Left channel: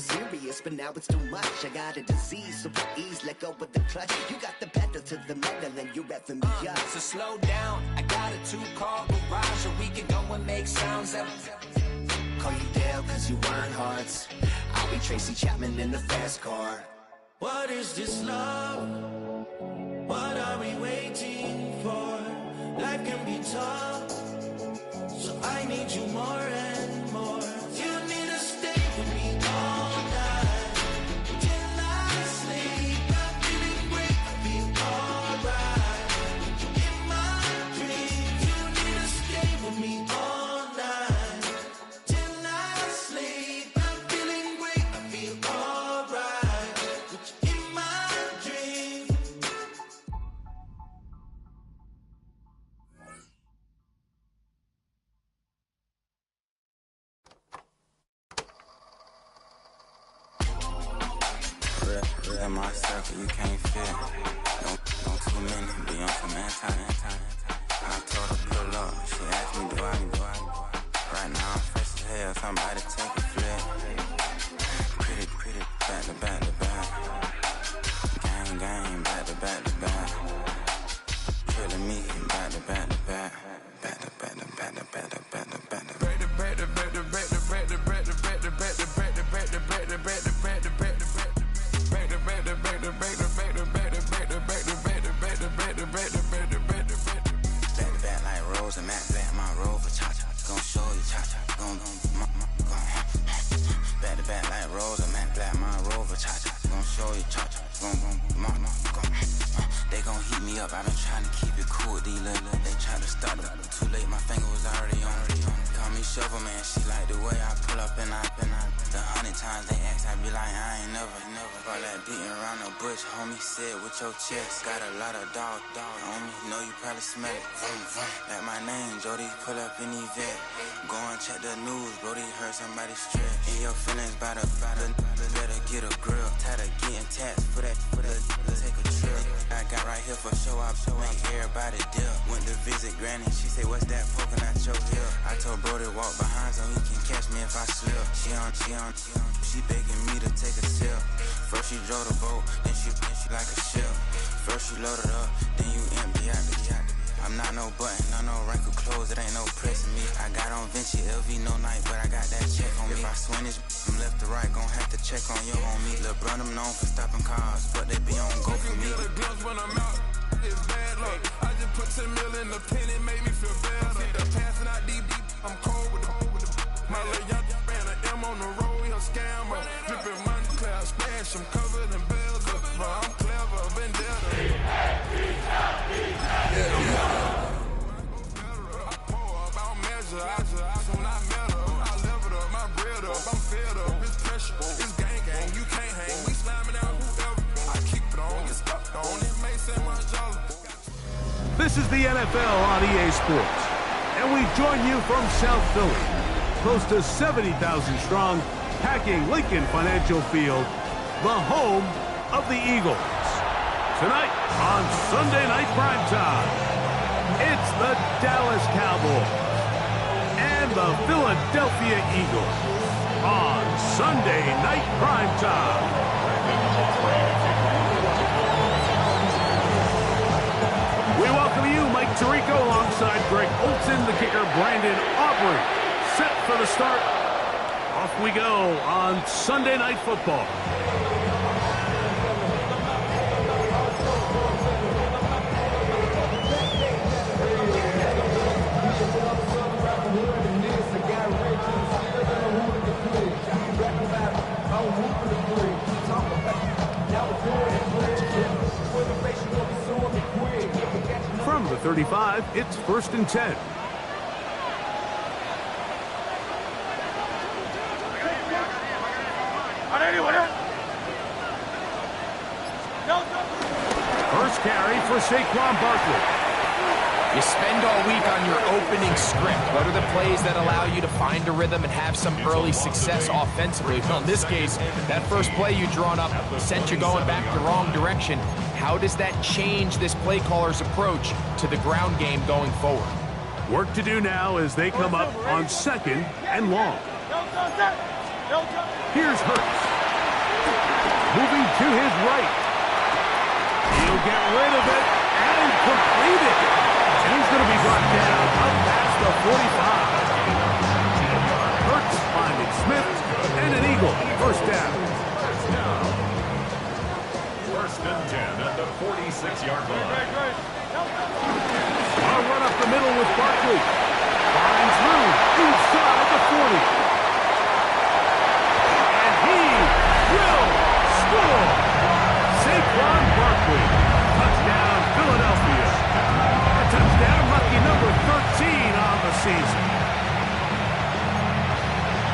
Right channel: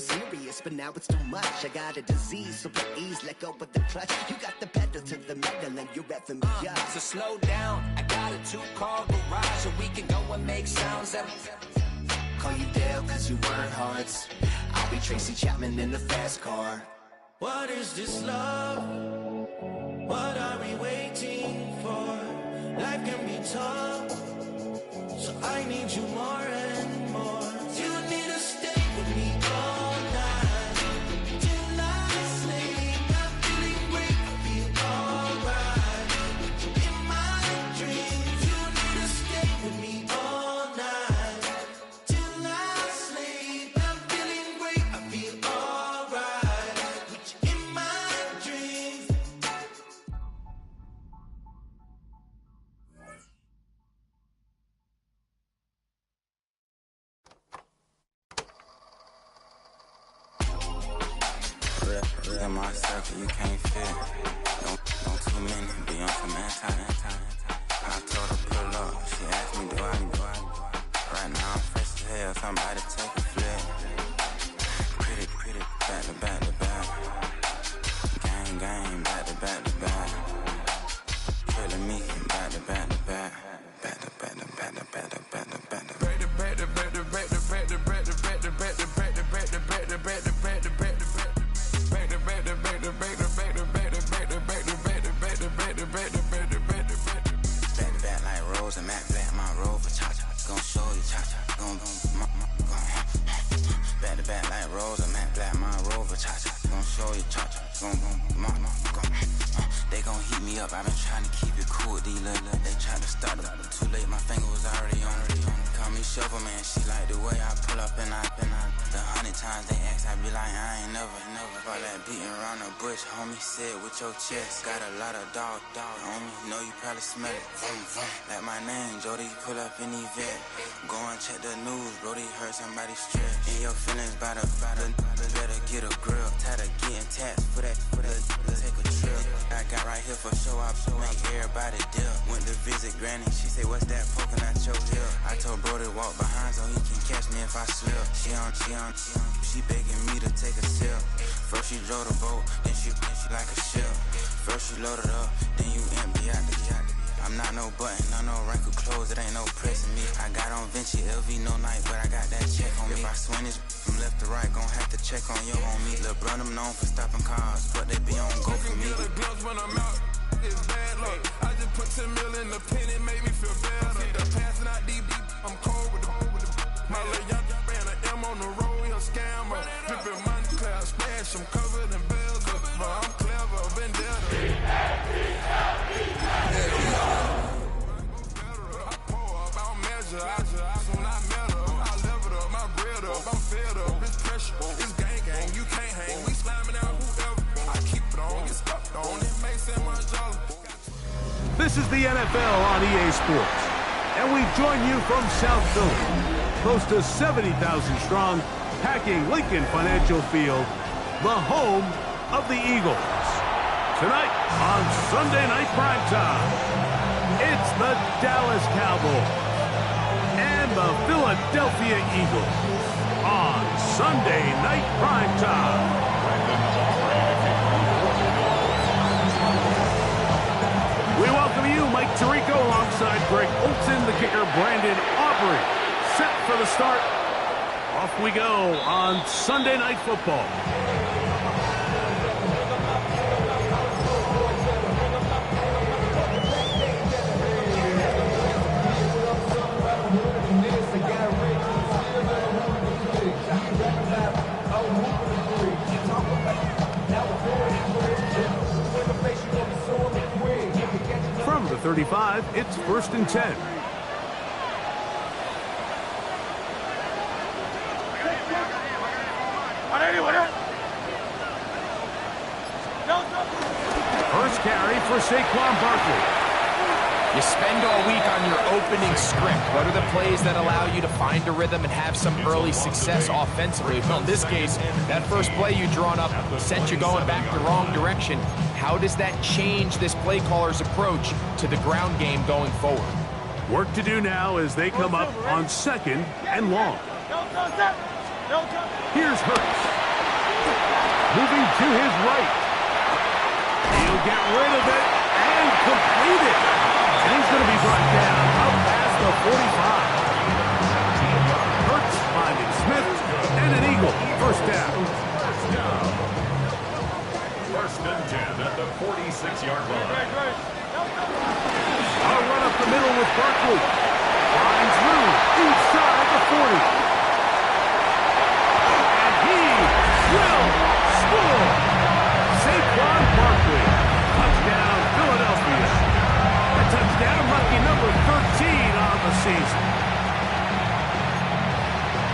super serious, but now it's too much. I got a disease, so please let go of the clutch. You got the pedal to the metal and you're revving me up. So slow down, I got a 2-car garage, or we can go and make sounds that... Call you Dale cause you weren't hearts. I'll be Tracy Chapman in the fast car. What is this love? What are we waiting for? Life can be tough, so I need you more and more. You need to stay with me all night till I sleep. I'm feeling great, I'll be alright. In my dreams, you need to stay with me all night till I sleep. I'm feeling great, I feel alright. In my dreams. In my circle, you can't fit. Don't too many be on some anti. I told her pull up. She asked me, do I? Right now I'm fresh as hell. Somebody take a flip. Pretty, back to back. Gang, back to back. Trailing me, back to back. Back like Rose and Matt Black, my Rover, cha-cha, gon' show you, cha-cha, gon' back to back like Rose and Matt Black, my Rover, cha-cha, gon' show you, cha-cha, they gon' heat me up, I've been trying to keep it cool, these little, they try to start up, too late, my finger was already on it, call me Shovel Man, she like the way I pull up and I, the 100 times they ask, I be like, I ain't never, all that beating around the bush, homie, said with your chest, got a lot of dog on me, know you probably smell it, like my name, Jody, pull up in Yvette, go and check the news, Brody, heard somebody stress, in your feelings by the, better get a grill, tired of getting taxed for that, take a trip, I got right here for show up, make everybody dip, went to visit Granny, she say, what's that poking out your hip, I told Brody walk behind so he can catch me if I slip, she begging me to take a sip, first she drove the boat, then she like a ship, first she loaded up, then you empty out the I'm not no button, no wrinkled clothes, it ain't no pressing me. I got on Vinci, LV, no night, but I got that check on me. If I swing this from left to right, gon' have to check on your homie. Lil' brother, I'm known for stopping cars, but they be on go for me. Get a glimpse when I'm out, it's bad luck. I just put 10 mil in the pen, it made me feel better. The passing out deep, I'm cold with the my little young ran an M on the road, he a scammer. Drippin' money, clear, splash, I'm covered in bells. But I'm clever, vendetta. I pour up, I'll measure. When I met her, I leveled up, my bread up, I'm fed up. It's pressure, it's gang, you can't hang. We slamming out whoever. I keep it on, get stuck on it, may say Margiela. This is the NFL on EA Sports, and we join you from South Philly, close to 70,000 strong, packing Lincoln Financial Field, the home of the Eagles. Tonight on Sunday Night Primetime, it's the Dallas Cowboys and the Philadelphia Eagles on Sunday Night Primetime. We welcome you, Mike Tirico, alongside Greg Olson, the kicker, Brandon Aubrey. Set for the start. Off we go on Sunday Night Football. From the 35, it's 1st and 10. First carry for Saquon Barkley. You spend all week on your opening script. What are the plays that allow you to find a rhythm and have some early success offensively? Well, in this case, that first play you drawn up sent you going back the wrong direction. How does that change this play caller's approach to the ground game going forward? Work to do now as they come up on 2nd and long. Here's Hurts. Moving to his right. He'll get rid of it and complete it. And he's going to be brought down up past the 45. Hurts finding Smith and an eagle. First down. First and 10 at the 46-yard line. A run up the middle with Barkley. Finds Lou inside the 40. And he will score. Saquon Barkley. Touchdown, Philadelphia. A touchdown, lucky number 13 on the season.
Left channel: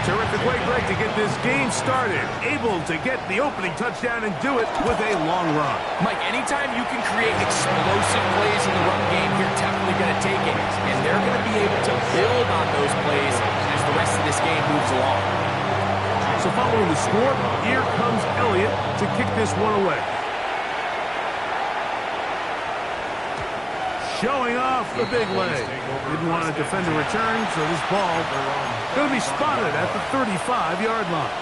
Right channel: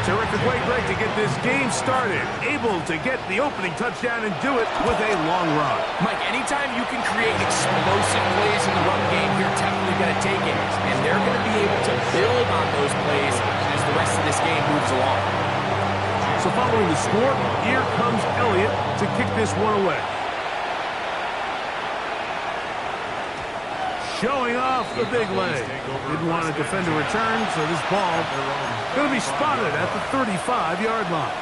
Terrific way, Greg, to get this game started. Able to get the opening touchdown and do it with a long run. Mike, anytime you can create explosive plays in the run game, you're definitely going to take it. And they're going to be able to build on those plays as the rest of this game moves along. So following the score, here comes Elliott to kick this one away. Showing off the big leg. Didn't want to defend a return, so this ball going to be spotted at the 35-yard line.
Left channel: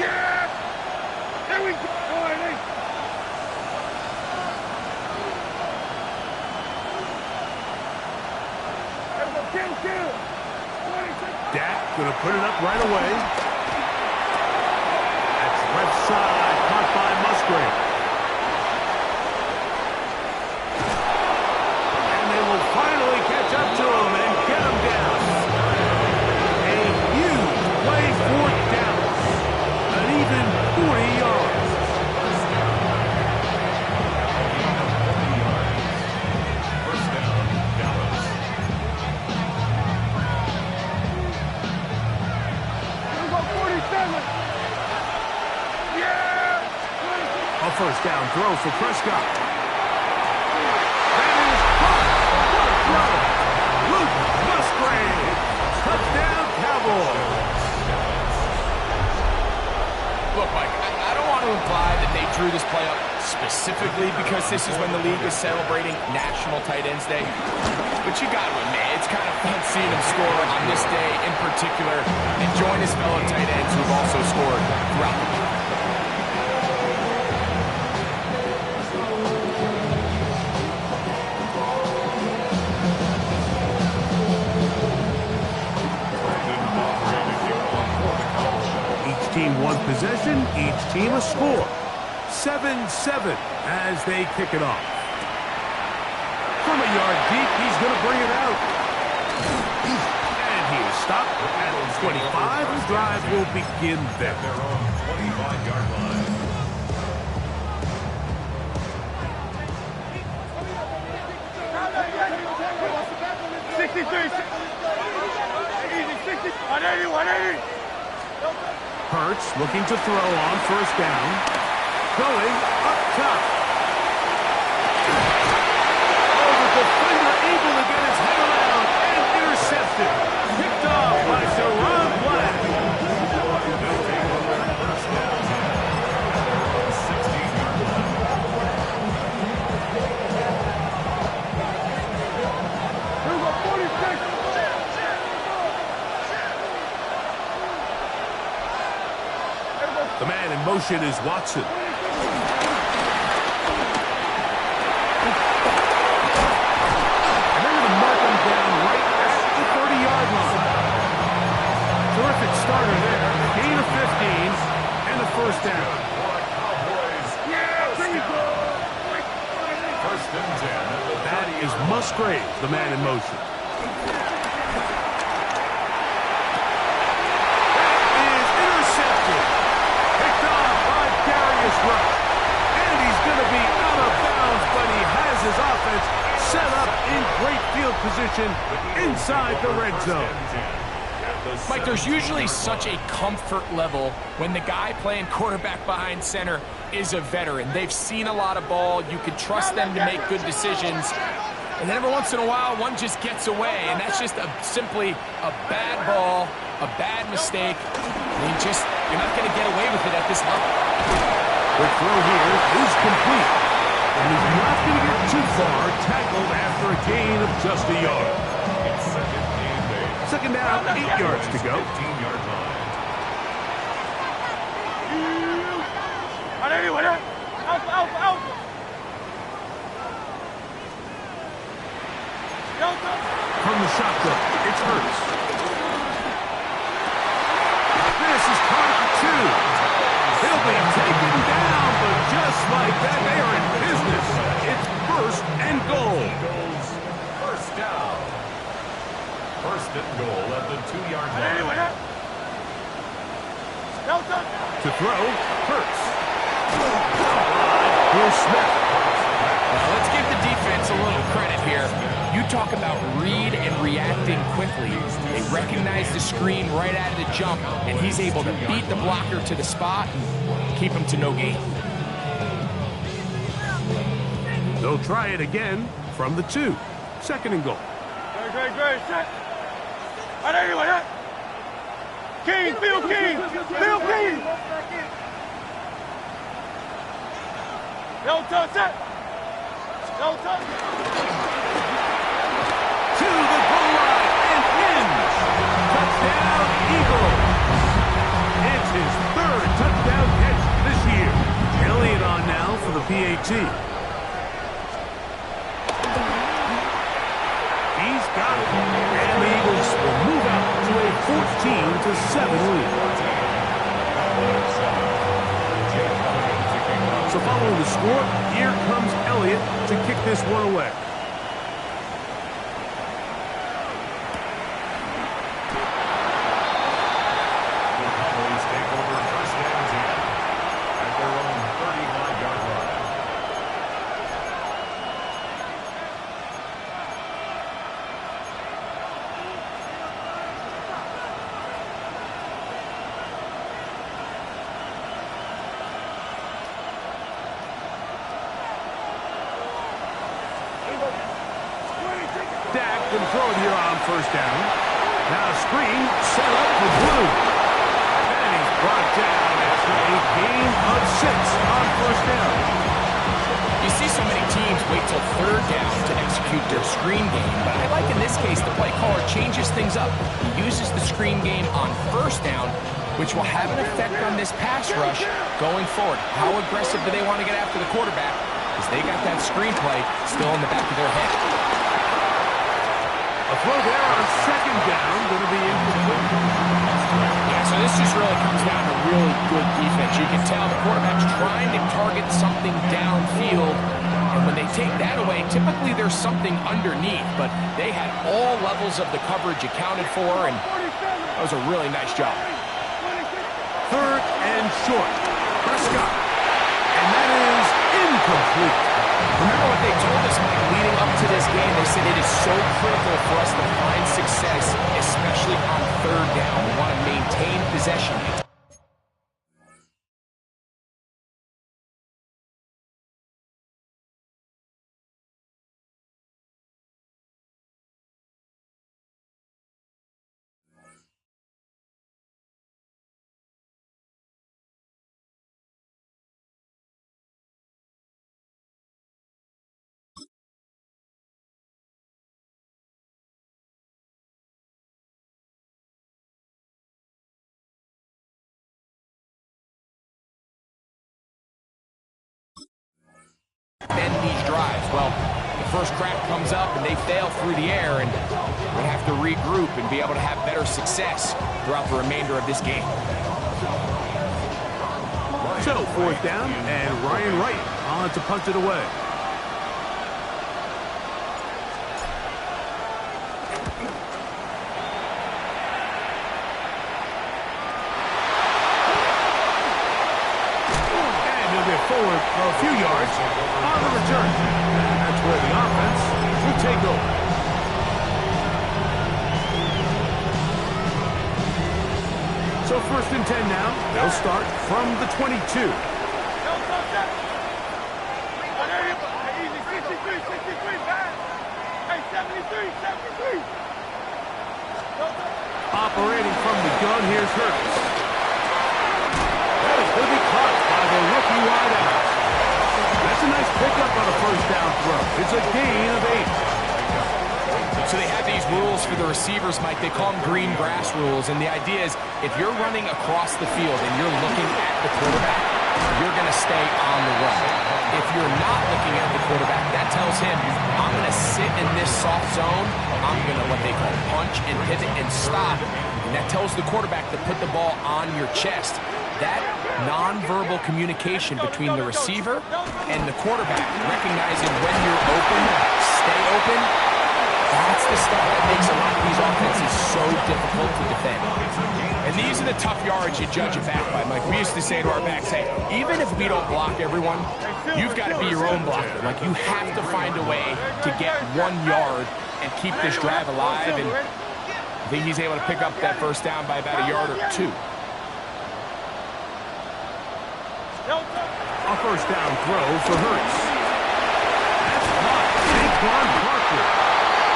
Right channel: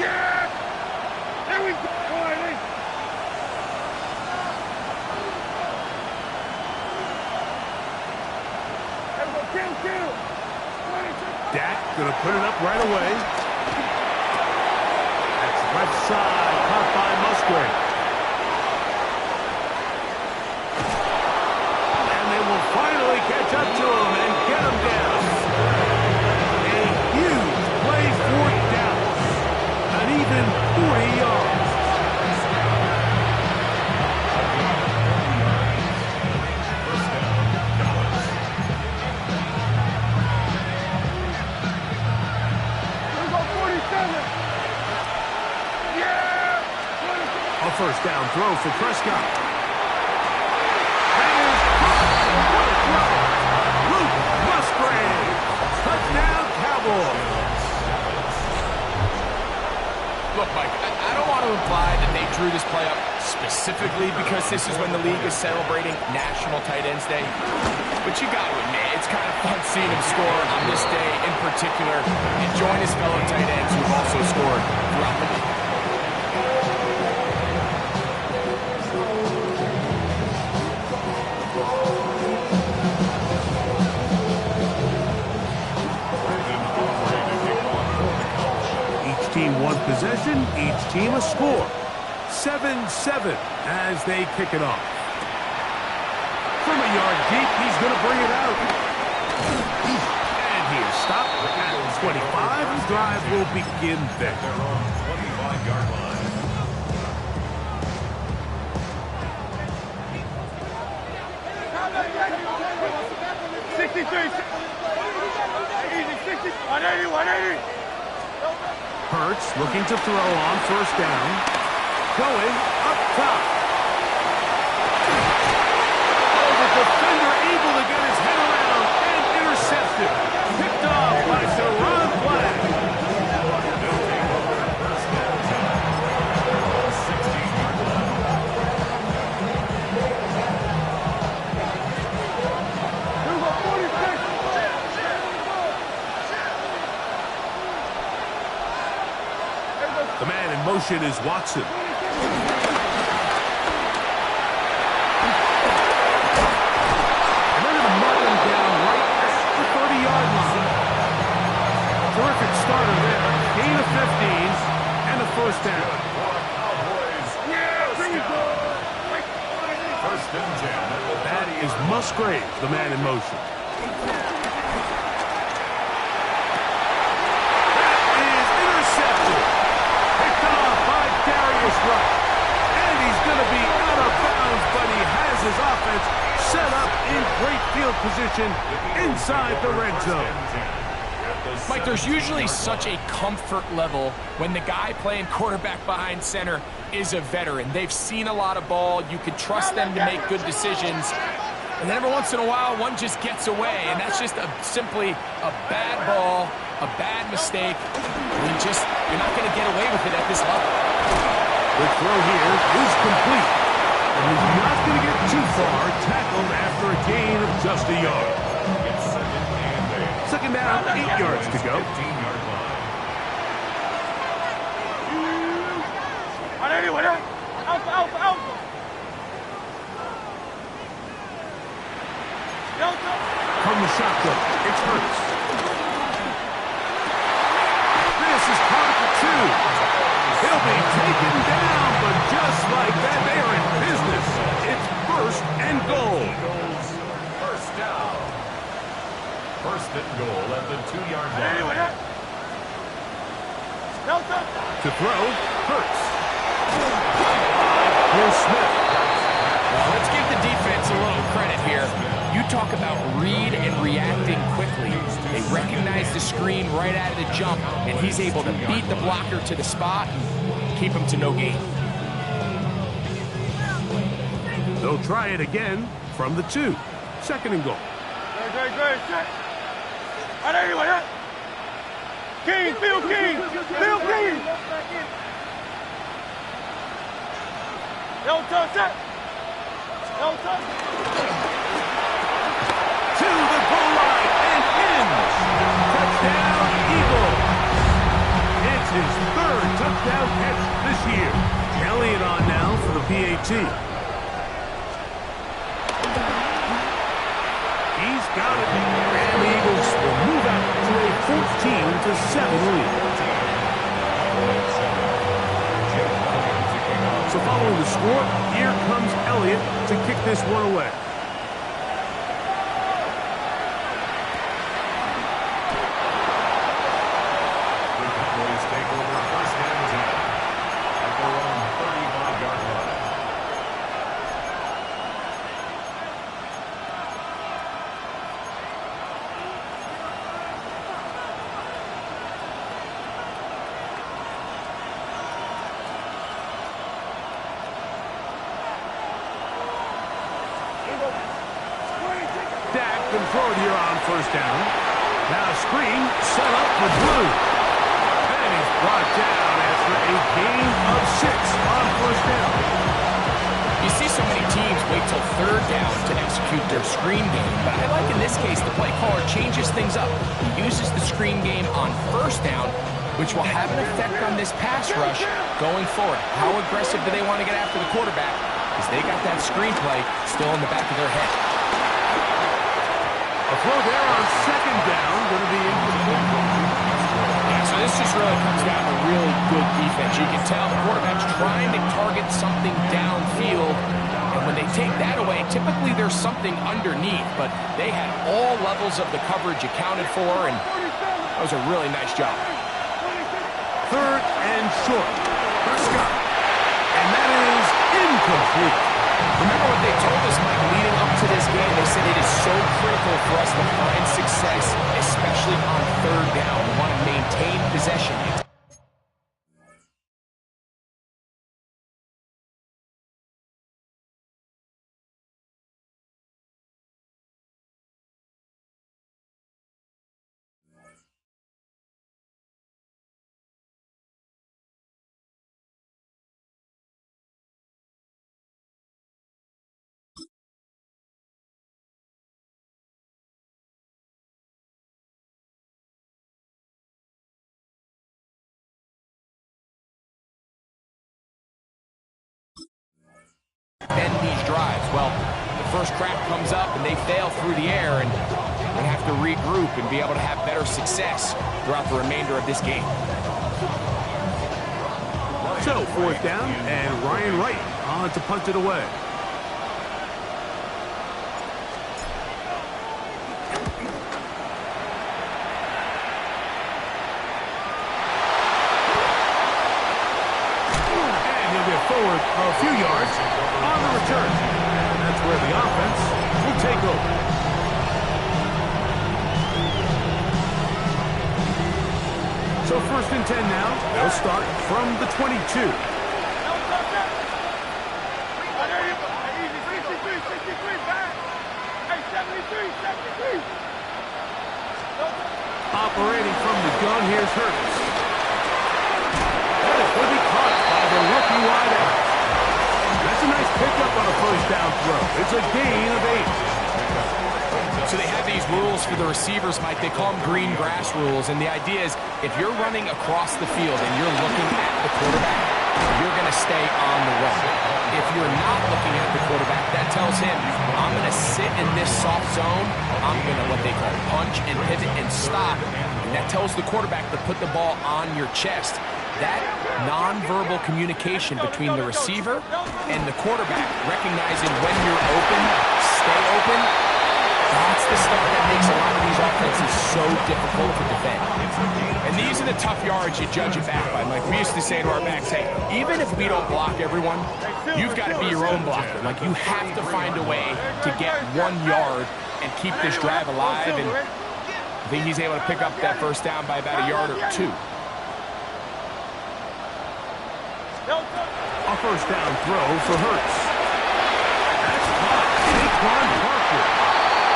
Yeah! There we go, Barney! Kill! Dak going to put it up right away. That's left side, caught by Musgrave. And they will finally catch up to him and get him down. A huge play for Dallas. An even 40 yards. A gain of 40 yards. First down, Dallas. Here we go, 47! A first down throw for Prescott. That is caught. What a throw. Luke Musgrave. Touchdown, Cowboys. Look, Mike, I don't want to imply that they drew this play up specifically because this is when the league is celebrating National Tight Ends Day. But you got to admit, it's kind of fun seeing him score on this day in particular and join his fellow tight ends who've also scored throughout the league. Team one possession, each team a score. 7-7 as they kick it off. From a yard deep, he's going to bring it out. And he is stopped at 25. The drive will begin there. Their own 25-yard line. Easy, 180. Hurts looking to throw on first down. Going up top. Oh, the defender able to get his head around and intercepted. Picked off by Deron Black. They'll take over first down 16-yard line. Here we go, 46. The man in motion is Watson. And they're going to mark him down right at the 30-yard line. Terrific starter there. Gain of 15 and a first down. First and 10. That is Musgrave, the man in motion. That is intercepted. Picked off by Darius Rush. And he's going to be out of bounds, but he has his offense set up in great field position inside the red zone. Mike, there's usually such a comfort level when the guy playing quarterback behind center is a veteran. They've seen a lot of ball. You can trust them to make good decisions. And then every once in a while, one just gets away. And that's just simply a bad ball, a bad mistake. You're not going to get away with it at this level. Quick throw here is complete. And he's not going to get too far, tackled after a gain of just a yard. It's second and 8. Second down, 8 yards to go. 15-yard line. From the shotgun, it's Hurts. This is Carter for 2. He'll be taken down, but just like that, they are in business. It's first and goal. Eagles, first down. First and goal at the 2-yard line. To throw, Hurts. Here's Smith. Well, let's give the defense a little credit here. You talk about read and reacting quickly. They recognize the screen right out of the jump, and he's able to beat the blocker to the spot and keep him to no gain. They'll try it again from the 2. Second and goal. King, Phil King, Phil King. Don't touch that. Don't touch it. To the goal line and in. Touchdown, Eagles. It's his 3rd touchdown catch this year. Elliott on now for the PAT. He's got it. And the Eagles will move out to a 14-7 lead. So following the score, here comes Elliott to kick this one away. The Cowboys take over first and 10 at their own 35-yard line. Dak can throw it here on first down. Now screen set up for Blue. And he's brought down after a gain of 6 on first down. You see so many teams wait till 3rd down to execute their screen game, but I like in this case the play caller changes things up. He uses the screen game on first down, which will have an effect on this pass rush going forward. How aggressive do they want to get after the quarterback? Because they got that screenplay still in the back of their head. A throw there on second down, going to be incomplete. Yeah, so this just really comes down to really good defense. You can tell the quarterback's trying to target something downfield, and when they take that away, typically there's something underneath, but they had all levels of the coverage accounted for, and that was a really nice job. 3rd and short. Prescott. And that is incomplete. Remember what they told us, Mike, leading up to this game? They said it is so critical for us to find success, especially on 3rd down. We want to maintain possession. Bend these drives. Well, the first crack comes up and they fail through the air, and we're going to have to regroup and be able to have better success throughout the remainder of this game. So 4th down, and Ryan Wright on to punt it away. Forward a few yards on the return. And that's where the offense will take over. So 1st and 10 now. They'll start from the 22. Operating from the gun, here's Hurts. That is going to be caught by the rookie wideout. That's a nice pickup on a first down throw. It's a gain of 8. So they have these rules for the receivers, Mike. They call them green grass rules. And the idea is if you're running across the field and you're looking at the quarterback, you're going to stay on the run. If you're not looking at the quarterback, that tells him, I'm going to sit in this soft zone. I'm going to what they call punch and pivot and stop. And that tells the quarterback to put the ball on your chest. That nonverbal communication between the receiver and the quarterback, recognizing when you're open, stay open, that's the stuff that makes a lot of these offenses so difficult to defend. And these are the tough yards you judge it back by, Mike. We used to say to our backs, hey, even if we don't block everyone, you've got to be your own blocker. Like, you have to find a way to get 1 yard and keep this drive alive. And I think he's able to pick up that first down by about a yard or 2. A first down throw for Hurts. That's caught. Saquon Barkley.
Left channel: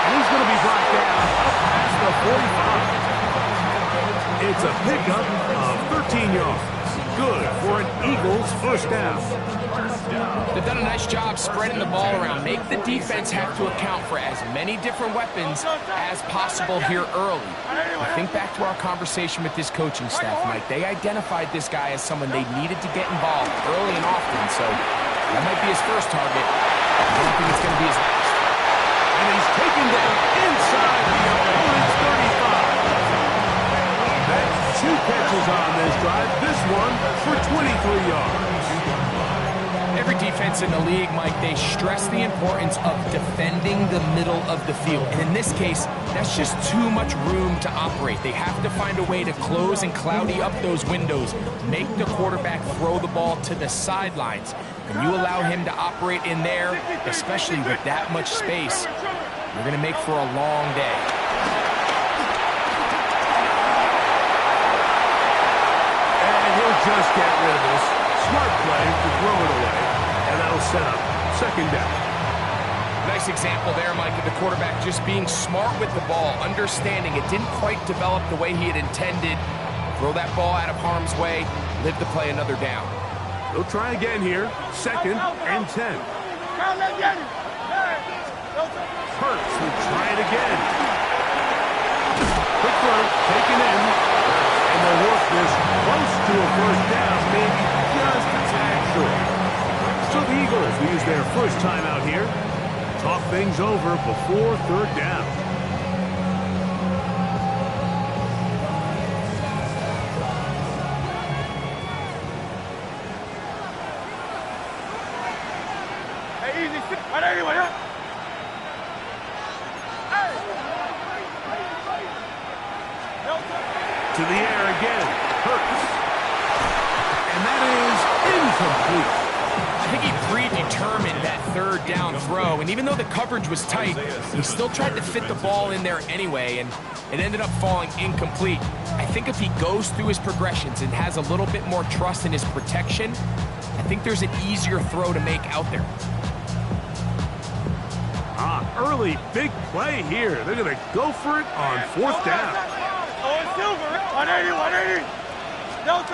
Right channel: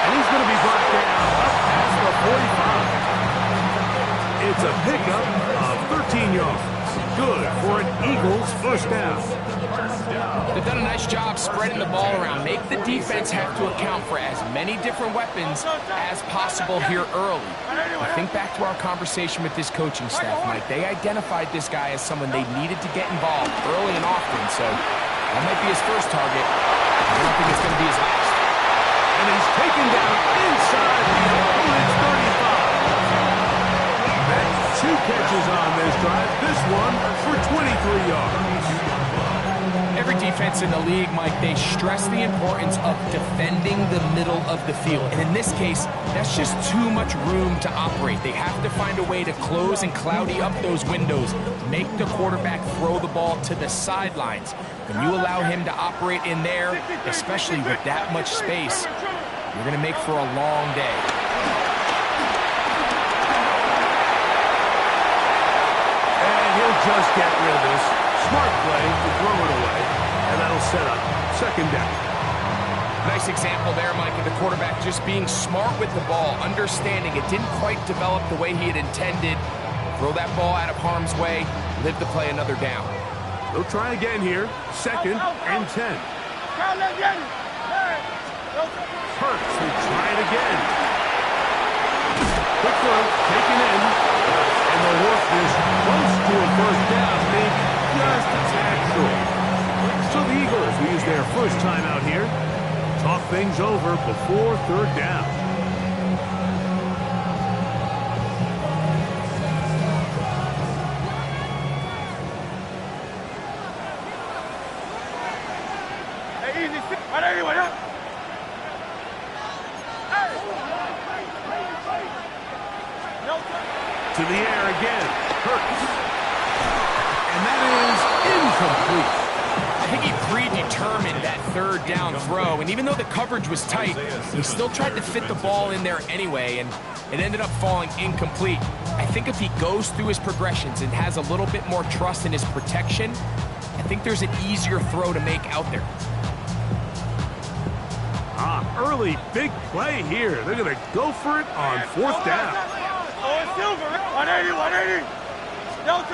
And he's going to be brought down up past the 45. It's a pickup of 13 yards. Good for an Eagles first down. They've done a nice job spreading the ball around. Make the defense have to account for as many different weapons as possible here early. I think back to our conversation with this coaching staff, Mike. They identified this guy as someone they needed to get involved early and often, so that might be his first target. I don't think it's going to be his last. And he's taken down inside the opponent's 35. That's 2 catches on this drive. This one for 23 yards. Every defense in the league, Mike, they stress the importance of defending the middle of the field. And in this case, that's just too much room to operate. They have to find a way to close and cloudy up those windows, make the quarterback throw the ball to the sidelines. When you allow him to operate in there, especially with that much space, you're going to make for a long day. And he'll just get rid of this. Smart play to throw it away, and that'll set up second down. Nice example there, Mike, of the quarterback just being smart with the ball, understanding it didn't quite develop the way he had intended. Throw that ball out of harm's way, live to play another down. They'll try again here, 2nd and 10. Hurts will try it again. Quick throw, taken in, and they'll work this close to a first down, maybe just a tad short. So the Eagles will use their first time out here. Talk things over before 3rd down. To the air again, Hurts. And that is incomplete. I think he predetermined that 3rd down throw, and even though the coverage was tight, he still tried to fit the ball in there anyway, and it ended up falling incomplete. I think if he goes through his progressions and has a little bit more trust in his protection, I think there's an easier throw to make out there. Early big play here. They're going to go for it on 4th down. 180. They'll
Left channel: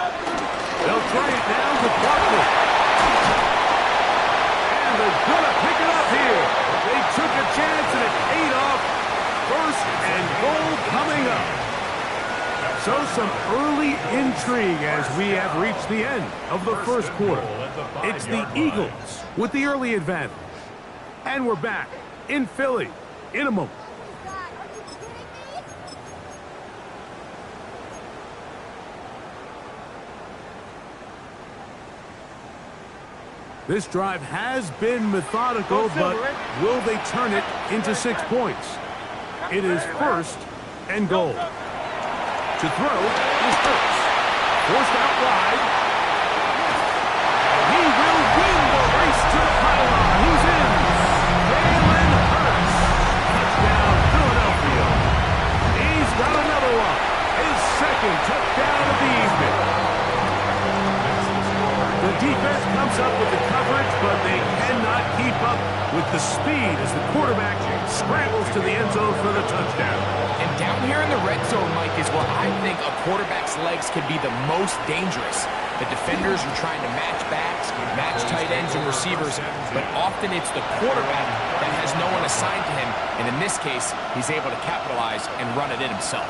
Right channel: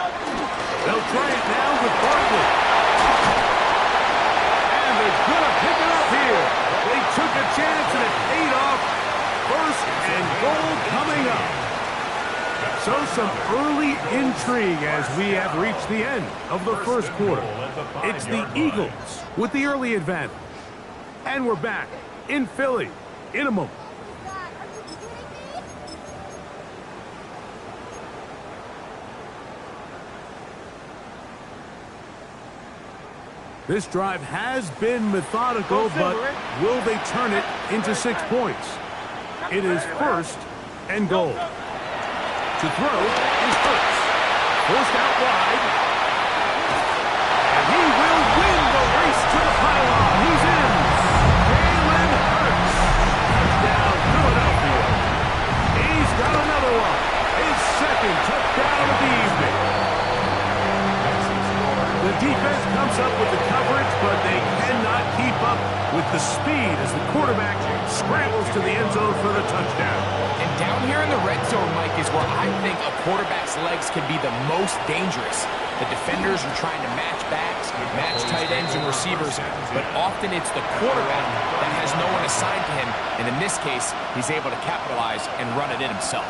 try it now with Barkley. And they're going to pick it up here. They took a chance and it paid off. 1st and goal coming up. So some early intrigue as we have reached the end of the first quarter. It's the Eagles with the early advantage. And we're back in Philly in a moment. This drive has been methodical, but will they turn it into 6 points? It is 1st and goal. To throw is Hurts. Forced out wide. And he will win the race to the pylon. He's in. Jalen Hurts. Touchdown, Philadelphia. He's got another one. His 2nd touchdown of the evening. The defense comes up with the coverage, but they cannot keep up with the speed as the quarterback scrambles to the end zone for the touchdown. And down here in the red zone, Mike, is where I think a quarterback's legs can be the most dangerous. The defenders are trying to match backs, match tight ends and receivers, but often it's the quarterback that has no one assigned to him, and in this case, he's able to capitalize and run it in himself.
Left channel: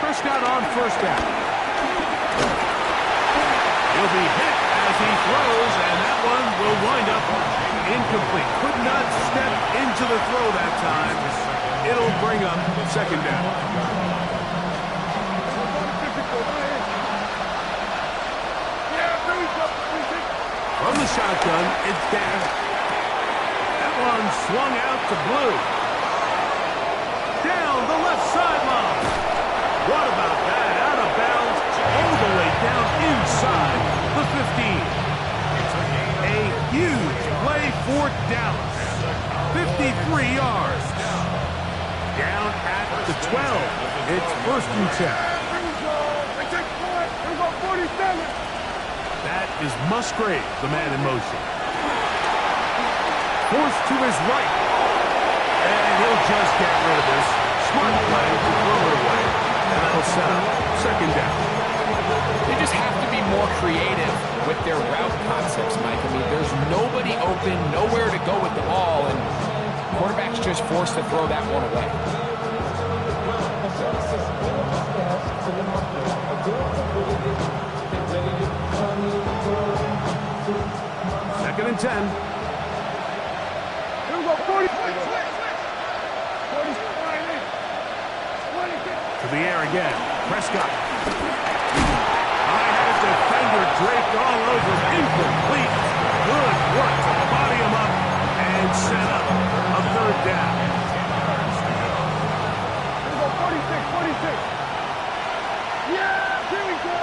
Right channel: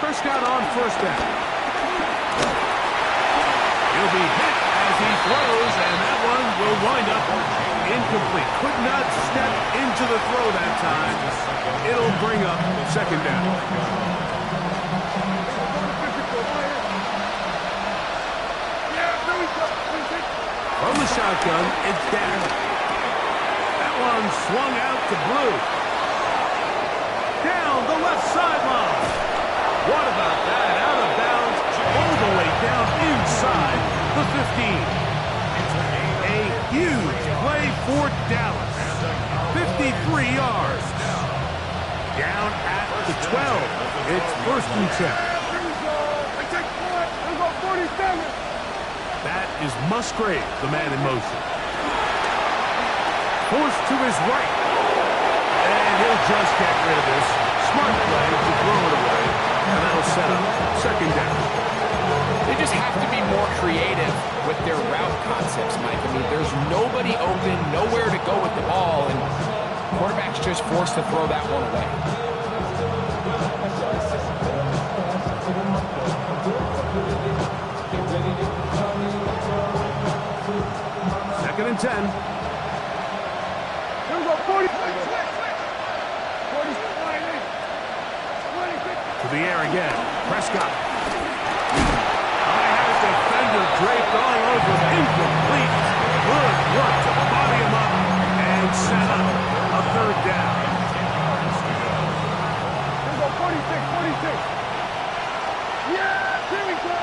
Prescott on first down. He'll be hit as he throws, and that one will wind up incomplete. Could not step into the throw that time. It'll bring up second down. From the shotgun, it's down. That one swung out to Blue. Down the left sideline. What about that? Out of bounds, all the way down inside the 15. A huge play for Dallas. 53 yards. Down at the 12. It's first and 10. That is Musgrave, the man in motion. Forced to his right. And he'll just get rid of this. Smart play to throw it away. And that'll set up second down. They just have to be more creative with their route concepts, Mike. I mean, there's nobody open, nowhere to go with the ball, and quarterback's just forced to throw that one away. Second and 10. Here we go, 40. To the air again. Prescott. I had a defender draped all over him. Incomplete. Good work to body him up and set up a third down. Here we go, 46. Yeah, here we go.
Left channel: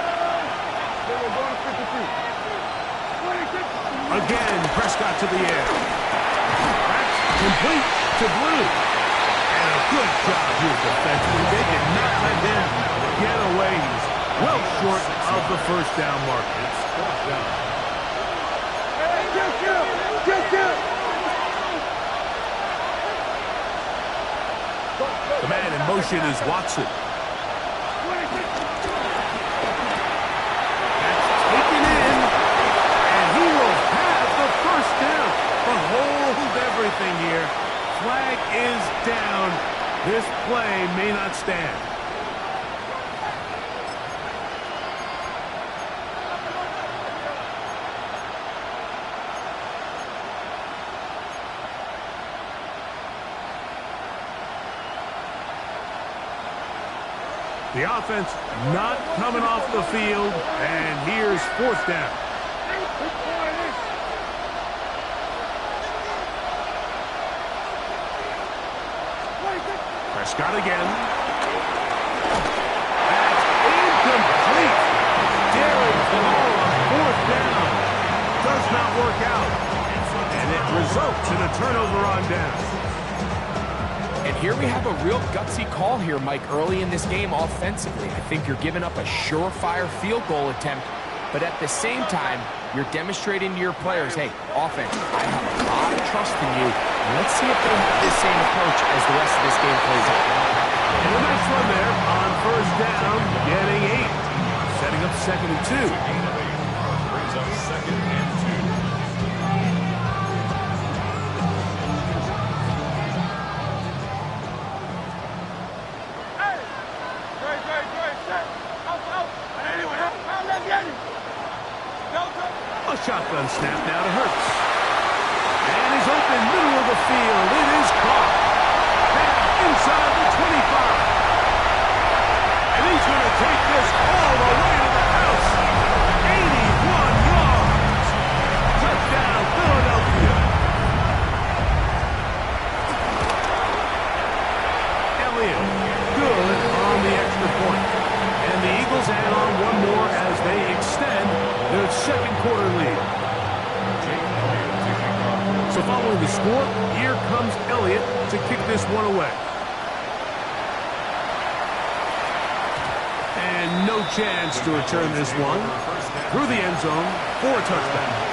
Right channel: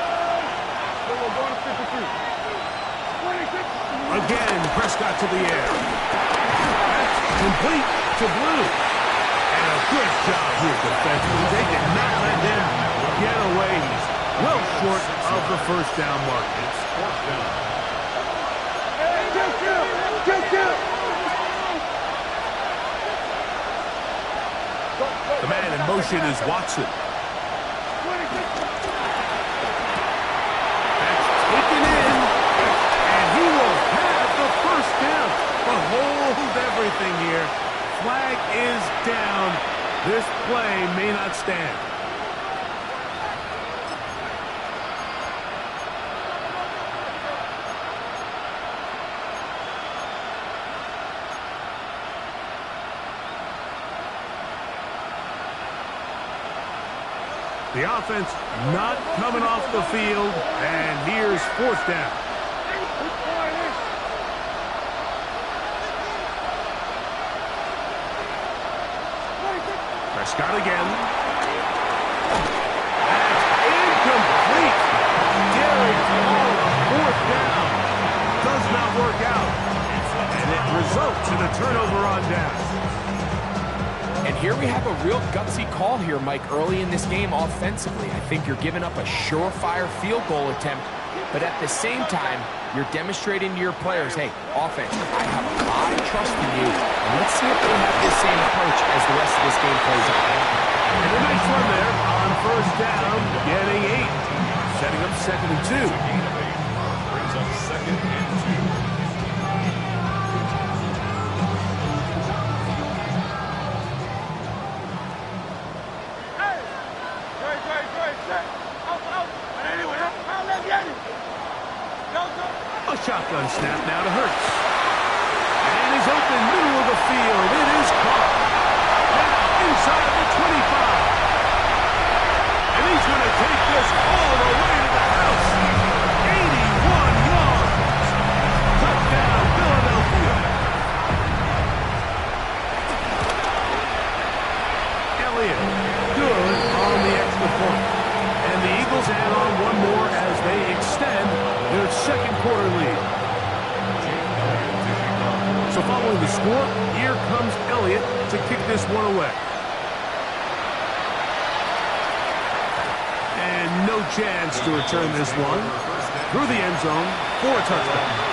Here we're going to 53. 26. Again, Prescott to the air. That's complete to Blue. And a good job here defensively. They did not let him get away. He's well short of the first down mark. It's fourth down. Hey, kill. The man in motion is Watson. That's taken in. And he will have the first down. But hold everything here. Flag is down. This play may not stand. The offense not coming off the field, and here's fourth down. Prescott again. That's incomplete. Derek Hall, fourth down. Does not work out. And it results in a turnover on down. And here we have a real gutsy call here, Mike, early in this game offensively. I think you're giving up a surefire field goal attempt, but at the same time, you're demonstrating to your players, hey, offense, I have a lot of trust in you. Let's see if they have this same approach as the rest of this game plays out. And a nice run there on first down, getting 8. Setting up second and 2. Brings up second and 2. A shotgun snap now to Hurts. And he's open, middle of the field. It is caught. Now inside the 25. And he's going to take this all the way to the house. 81 yards. Touchdown, Philadelphia. Elliott, good on the extra point. And the Eagles add on one more as they extend their second quarter lead. So following the score, here comes Elliott to kick this one away. And no chance to return this one through the end zone for a touchdown.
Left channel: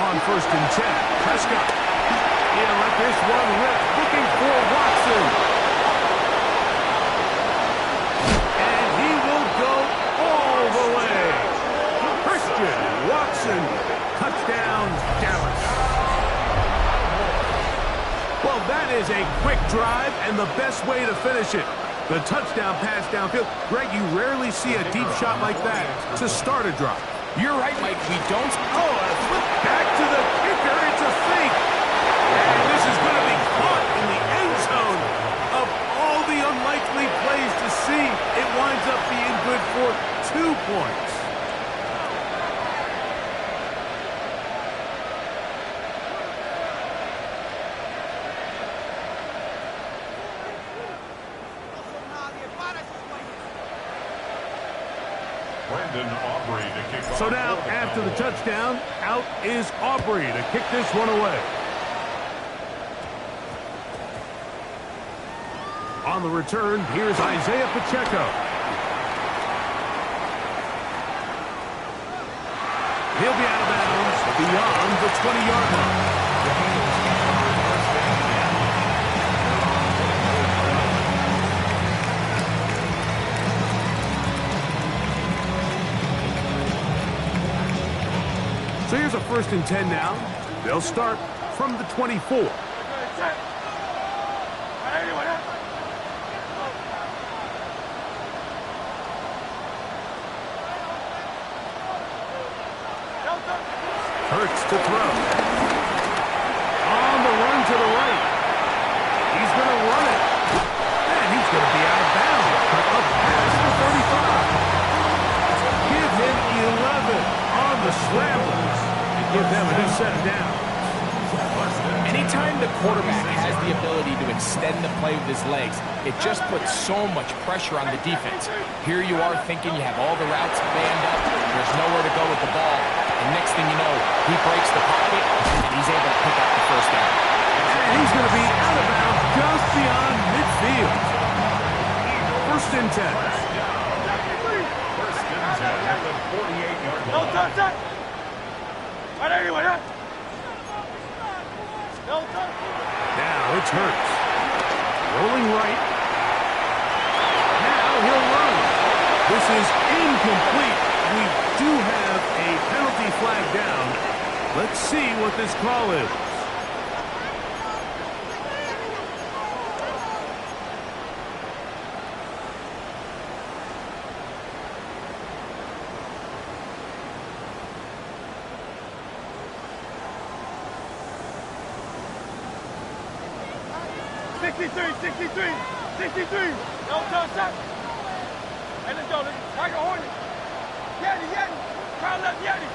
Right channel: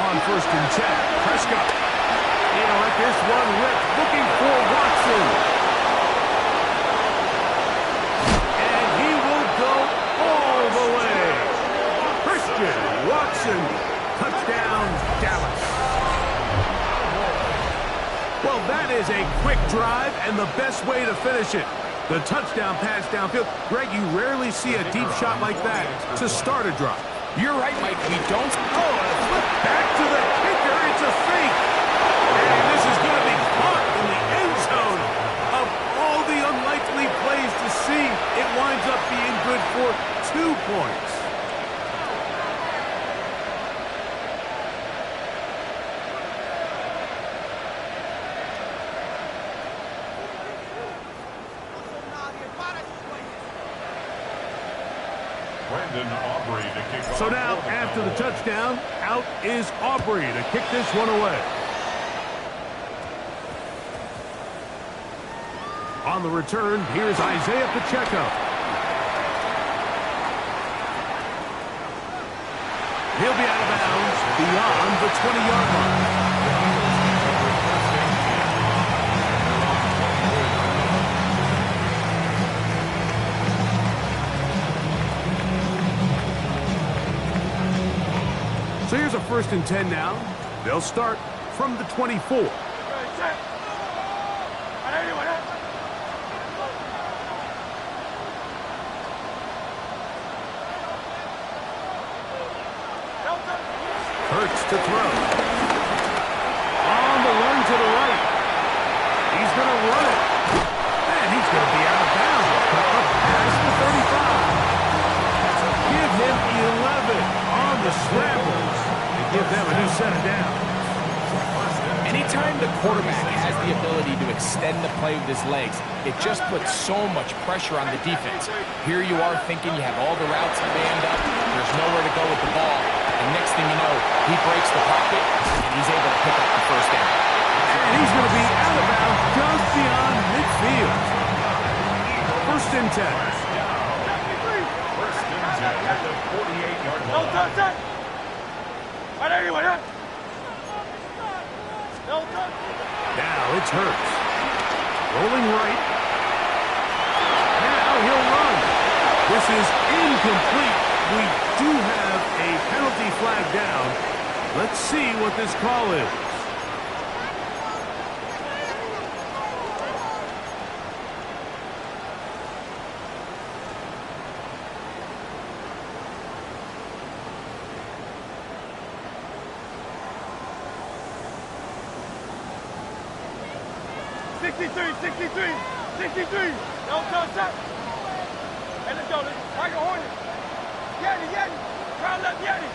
On 1st and 10, Prescott. He'll let this one rip, looking for Watson. And he will go all the way. Christian Watson, touchdown, Dallas. Well, that is a quick drive and the best way to finish it. The touchdown pass downfield. Greg, you rarely see a deep shot like that to start a drive. You're right, Mike. We don't. Oh, a flip back to the kicker. It's a fake. And this is going to be caught in the end zone. Of all the unlikely plays to see, it winds up being good for 2 points. So now, after the touchdown, out is Aubrey to kick this one away. On the return, here's Isaiah Pacheco. He'll be out of bounds beyond the 20-yard line. So here's a 1st and 10 now. They'll start from the 24. Hurts to throw. On the run to the right. He's going to run it. And he's going to be out of bounds. But up past the 35. Give him 11 on the scrambles and give them a new set of downs. Anytime the quarterback has the ability to extend the play with his legs, it just puts so much pressure on the defense. Here you are thinking you have all the routes manned up, there's nowhere to go with the ball, and next thing you know, he breaks the pocket, and he's able to pick up the 1st down. And he's going to be out of bounds just beyond midfield. 1st and 10. 1st and 10 at the 48-yard line. Now it's Hurts. Rolling right. Now he'll run. This is incomplete. We do have a penalty flag down. Let's see what this call is. Hey, let's go. Tiger Hornet. Yeti. Crowd left Yeti.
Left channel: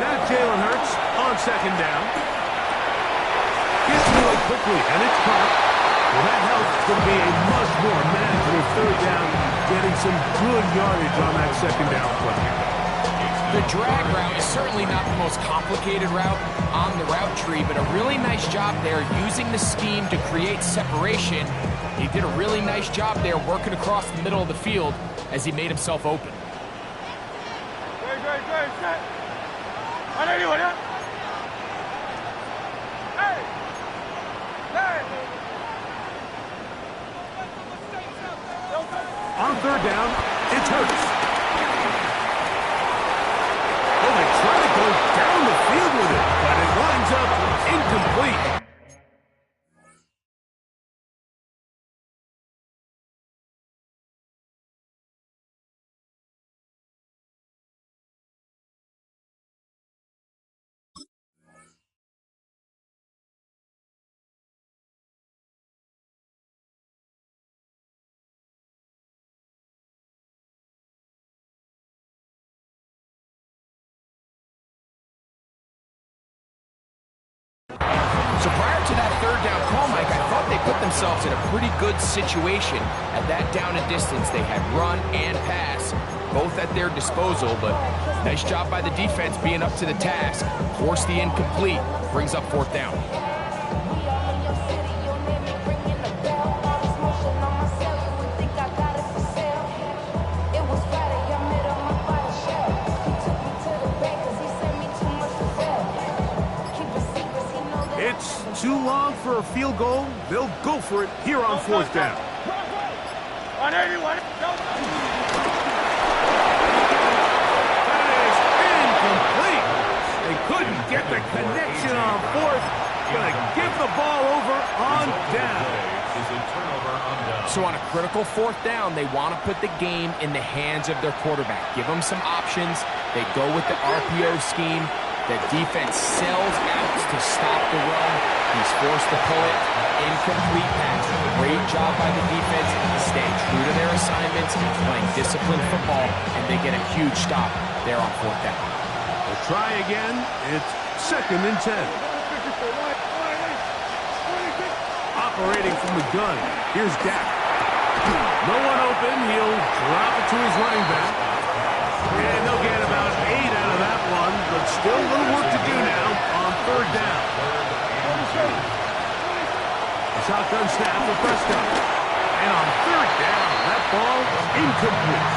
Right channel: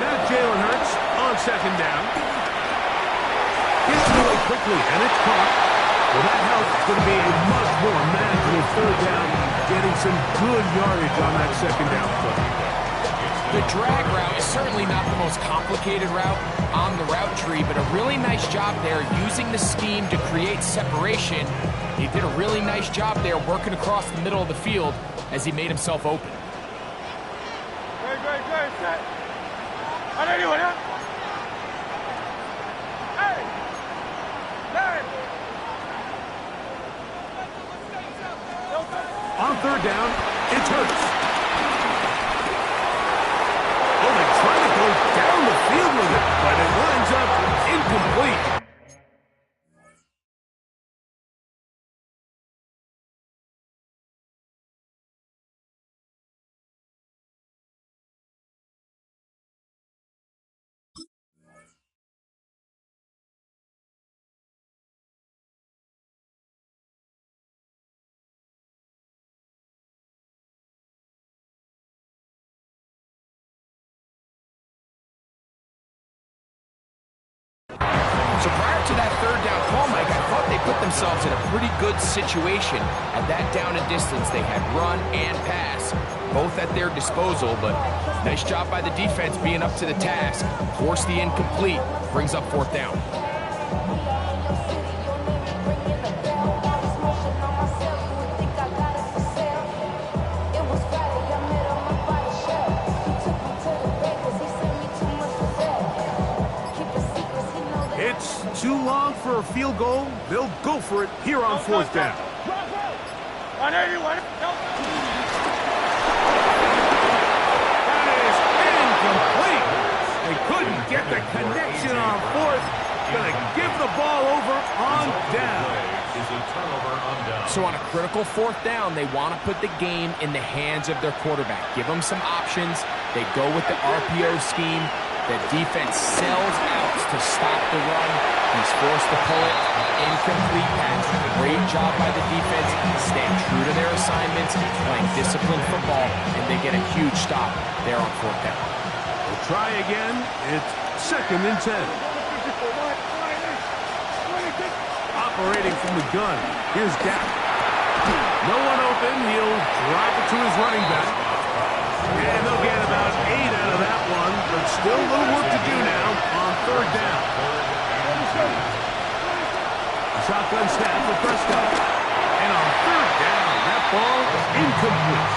Now Jalen Hurts on 2nd down. Gets away quickly, and it's caught. Well, that helps. It's going to be a much more manageable 3rd down, getting some good yardage on that 2nd down play. The drag route is certainly not the most complicated route on the route tree, but a really nice job there using the scheme to create separation. He did a really nice job there working across the middle of the field as he made himself open. Great. Set. Anyone, huh? Hey! On 3rd down, it's Hurts. Oh, they try to go down the field with it, but it winds up incomplete. So that third down call, Mike, I thought they put themselves in a pretty good situation at that down and distance. They had run and pass, both at their disposal, but nice job by the defense being up to the task. Force the incomplete, brings up fourth down. It's too long for a field goal. They'll go for it here on fourth down. 181. That is incomplete. They couldn't get the connection on fourth. Gonna give the ball over on down. So on a critical fourth down, they want to put the game in the hands of their quarterback. Give them some options. They go with the RPO scheme. The defense sells out to stop the run. He's forced to pull it. Incomplete pass. Great job by the defense, staying true to their assignments, playing disciplined football, and they get a huge stop there on fourth down. We'll try again. It's 2nd and 10. Operating from the gun. Here's Dak. No one open. He'll drop it to his running back. And they'll get about 8 out of that one, but still a little work to do now on third down. A shotgun snap for Prescott. And on third down, that ball is incomplete.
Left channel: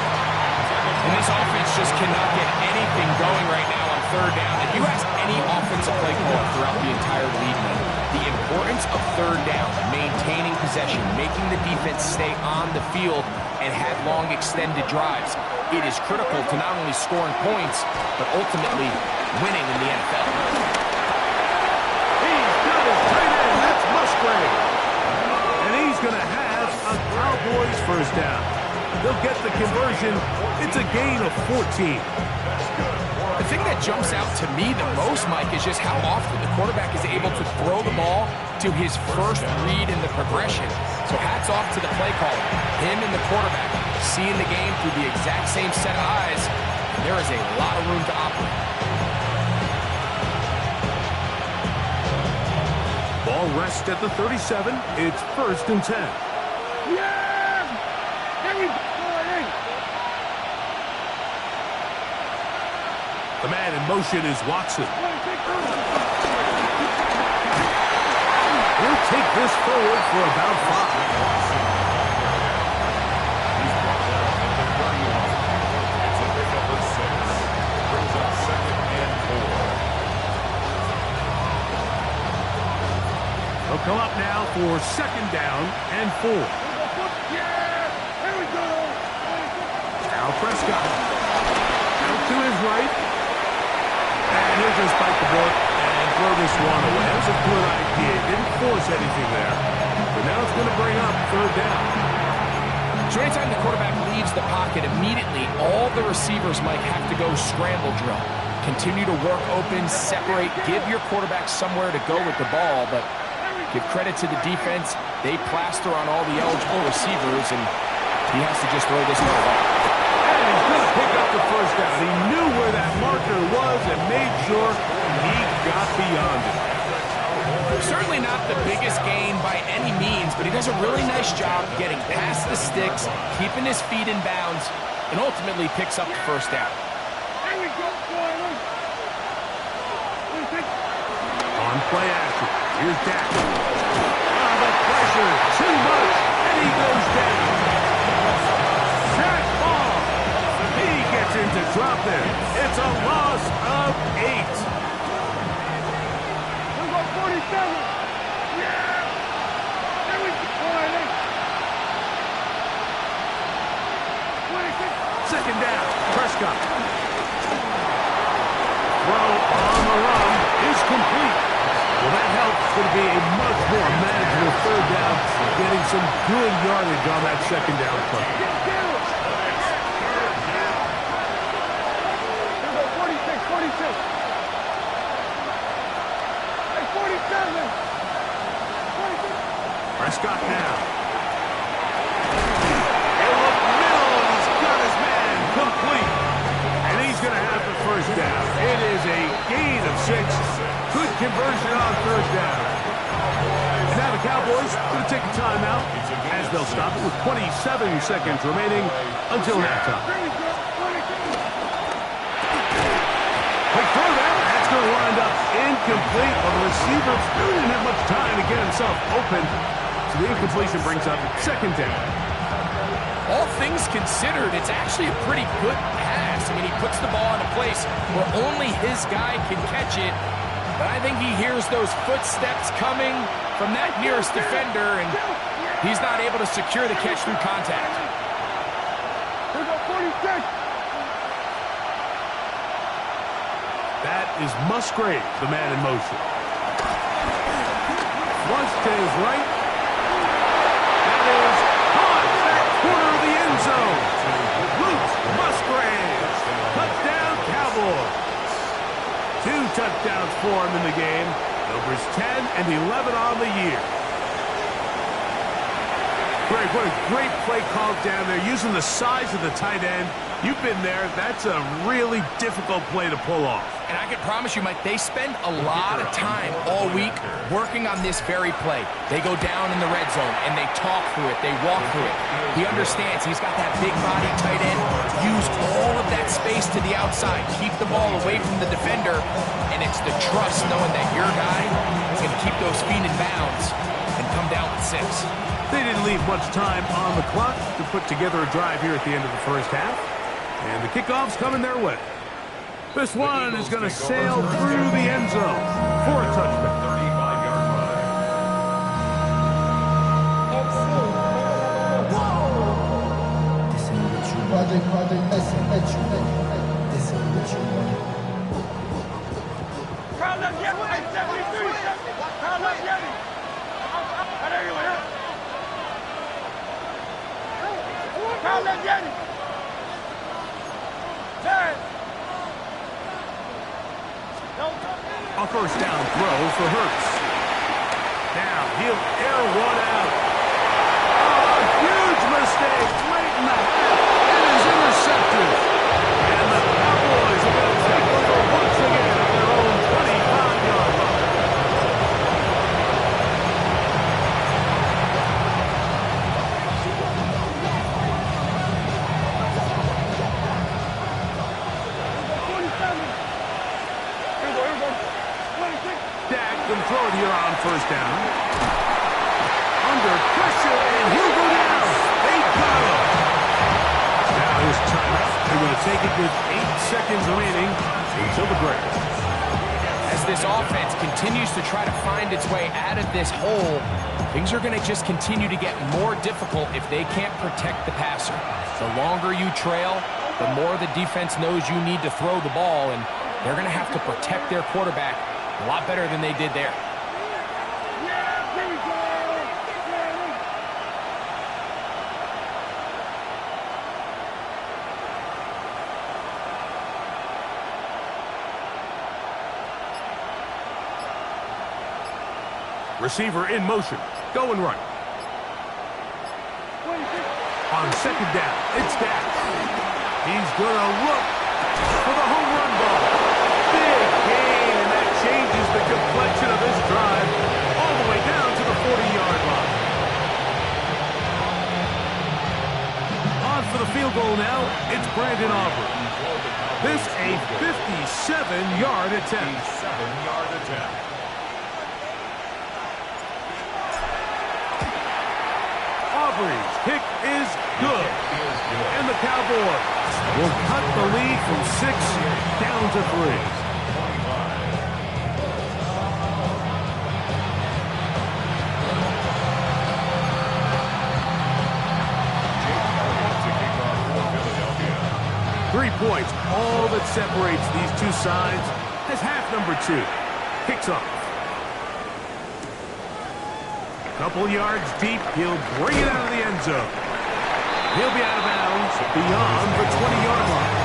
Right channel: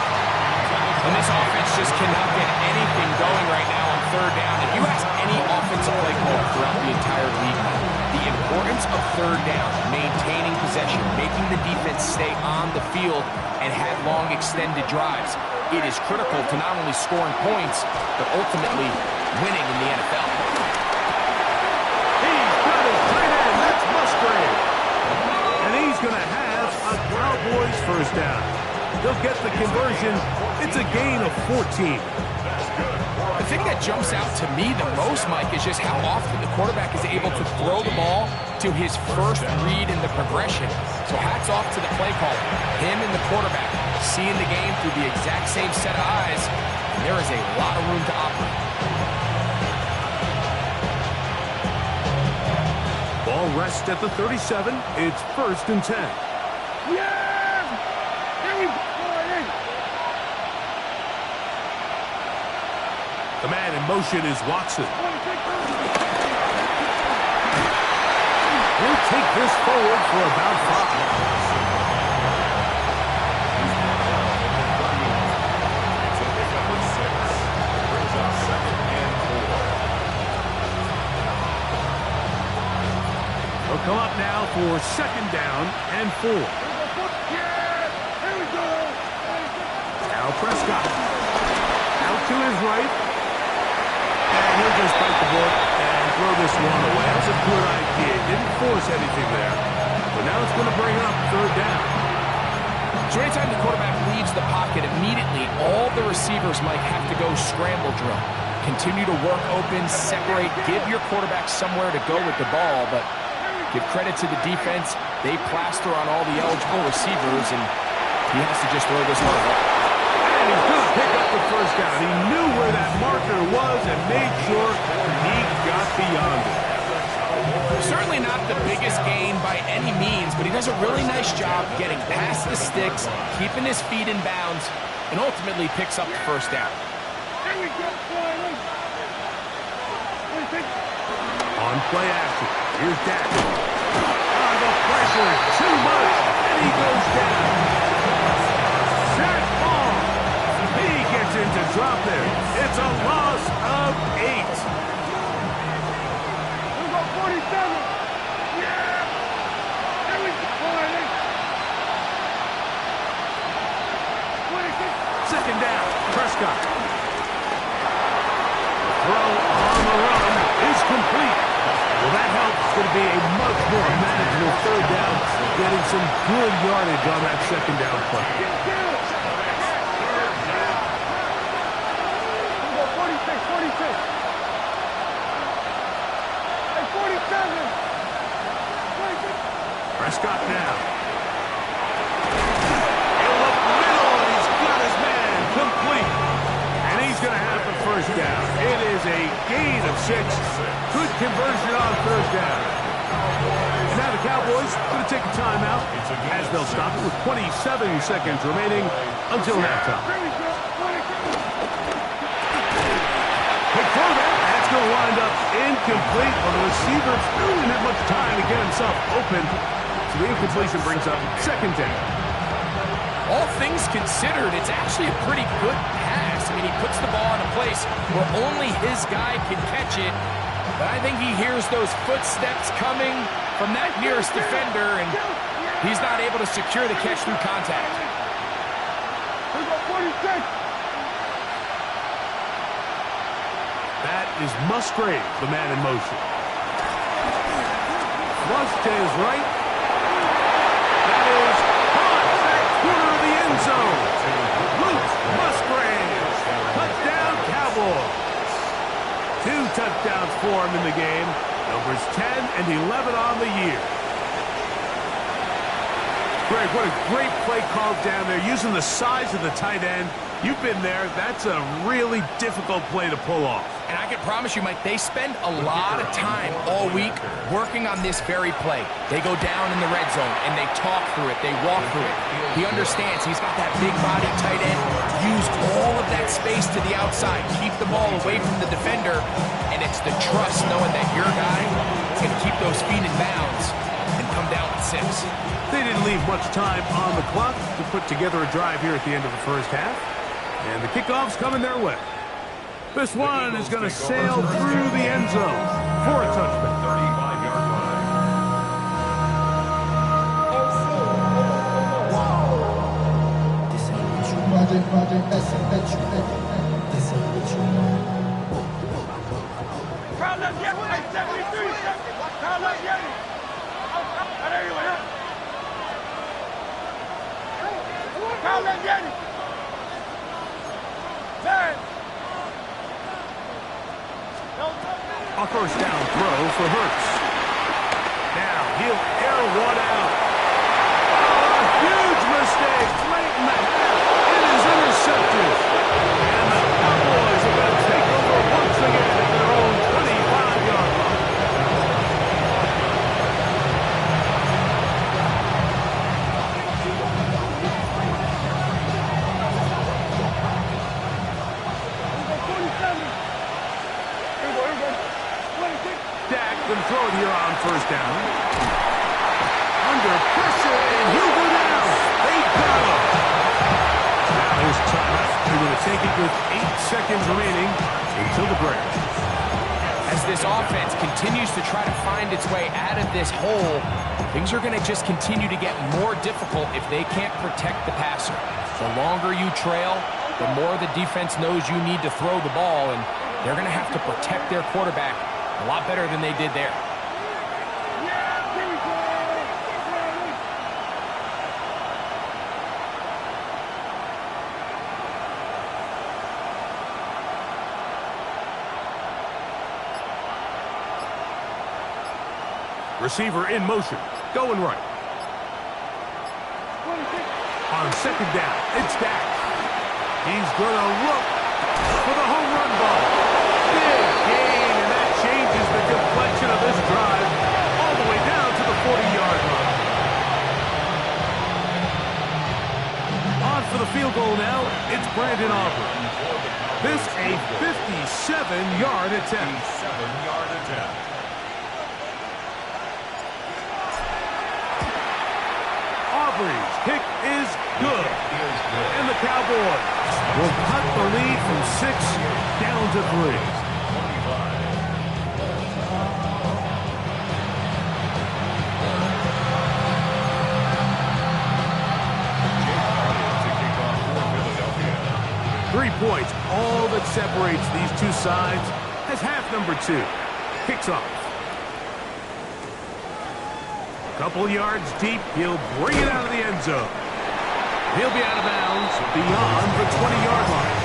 And this offense just cannot get anything going right now on third down. If you ask any offensive play caller throughout the entire league, the importance of third down, maintaining possession, making the defense stay on the field and have long extended drives, it is critical to not only scoring points, but ultimately winning in the NFL. He's got his tight end. That's Musgrave. And he's going to have a Cowboys first down. They'll get the conversion. It's a gain of 14. The thing that jumps out to me the most, Mike, is just how often the quarterback is able to throw the ball to his first read in the progression. So hats off to the play caller. Him and the quarterback seeing the game through the exact same set of eyes, and there is a lot of room to operate. Ball rests at the 37. It's 1st and 10. Yeah! There we go. The man in motion is Watson. He'll take this forward for about 5. They'll come up now for 2nd down and 4. Yeah! Here we go! Now Prescott. Out to his right. And he'll just bite the bullet and throw this one away. That was a good idea. Didn't force anything there. But now it's going to bring up 3rd down. So anytime the quarterback leaves the pocket, immediately all the receivers might have to go scramble drill. Continue to work open, separate, give your quarterback somewhere to go with the ball, but give credit to the defense. They plaster on all the eligible receivers, and he has to just throw this one away. And he's going to pick up the first down. He knew where that marker was and made sure he got beyond it. Certainly not the biggest gain by any means, but he does a really nice job getting past the sticks, keeping his feet in bounds, and ultimately picks up the first down. Here we go. On play action, here's Dak. The pressure, too much, and he goes down. Zach Ball. He gets into drop there. It's a loss of 8. We got 47. Yeah! There we go. 26. 2nd down, Prescott. Throw on the run is complete. Well, that helps. It's going to be a much more manageable 3rd down, getting some good yardage on that 2nd down play. We got 46, 46. Hey, 47. 46. Prescott now. He'll look middle, and he's got his man complete. And he's going to have the first down. It is a gain of 6. Good conversion on 3rd down. And now the Cowboys going to take a timeout as they'll stop it with 27 seconds remaining until halftime. Quick throw there. That's going to wind up incomplete. Well, the receiver didn't have much time to get himself open. So the incompletion brings up second down. All things considered, it's actually a pretty good pass. I mean, he puts the ball in a place where only his guy can catch it. But I think he hears those footsteps coming from that nearest defender, and he's not able to secure the catch through contact. Here go 46. That is Musgrave, the man in motion. Flush to his right. That is caught back corner of the end zone. Luke Musgrave. Touchdown, Cowboys. 2 touchdowns for him in the game. Numbers 10 and 11 on the year. Greg, what a great play called down there, using the size of the tight end. You've been there. That's a really difficult play to pull off. And I can promise you, Mike, they spend a lot of time all week working on this very play. They go down in the red zone, and they talk through it. They walk through it. He understands he's got that big body tight end. Use all of that space to the outside. Keep the ball away from the defender, and it's the trust knowing that your guy can keep those feet in bounds and come down with 6. They didn't leave much time on the clock to put together a drive here at the end of the first half. And the kickoff's coming their way. This one is going to sail through the end zone for a touchback. 35-yard line. Project, this ain't what you want. Kyle left Yeti. Hey, 73. Kyle left Yeti. There you go. Kyle left Yeti. Man. A first down throw for Hurts. Now he'll air one out. Oh, a huge mistake late in the half. It is intercepted. And the Cowboys are going to take over once again at their own 25-yard line. Dak can throw it here on first down. Under pressure, and he'll go down. They got him. Now his timeout. They're going to take it with 8 seconds remaining until the break. As this offense continues to try to find its way out of this hole, things are going to just continue to get more difficult if they can't protect the passer. The longer you trail, the more the defense knows you need to throw the ball, and they're going to have to protect their quarterback a lot better than they did there. Receiver in motion, going right. On second down, it's Dak. He's going to look for the home run ball. Big gain, and that changes the complexion of this drive all the way down to the 40-yard line. On for the field goal now, it's Brandon Aubrey. This a 57-yard attempt. 57-yard attempt. Aubrey's kick is good. And the Cowboys will cut the lead from 6 down to 3. 25. Jake Elliott to kick off for Philadelphia. 3 points, all that separates these two sides as half number 2 kicks off. Couple yards deep, he'll bring it out of the end zone. He'll be out of bounds beyond the 20-yard line.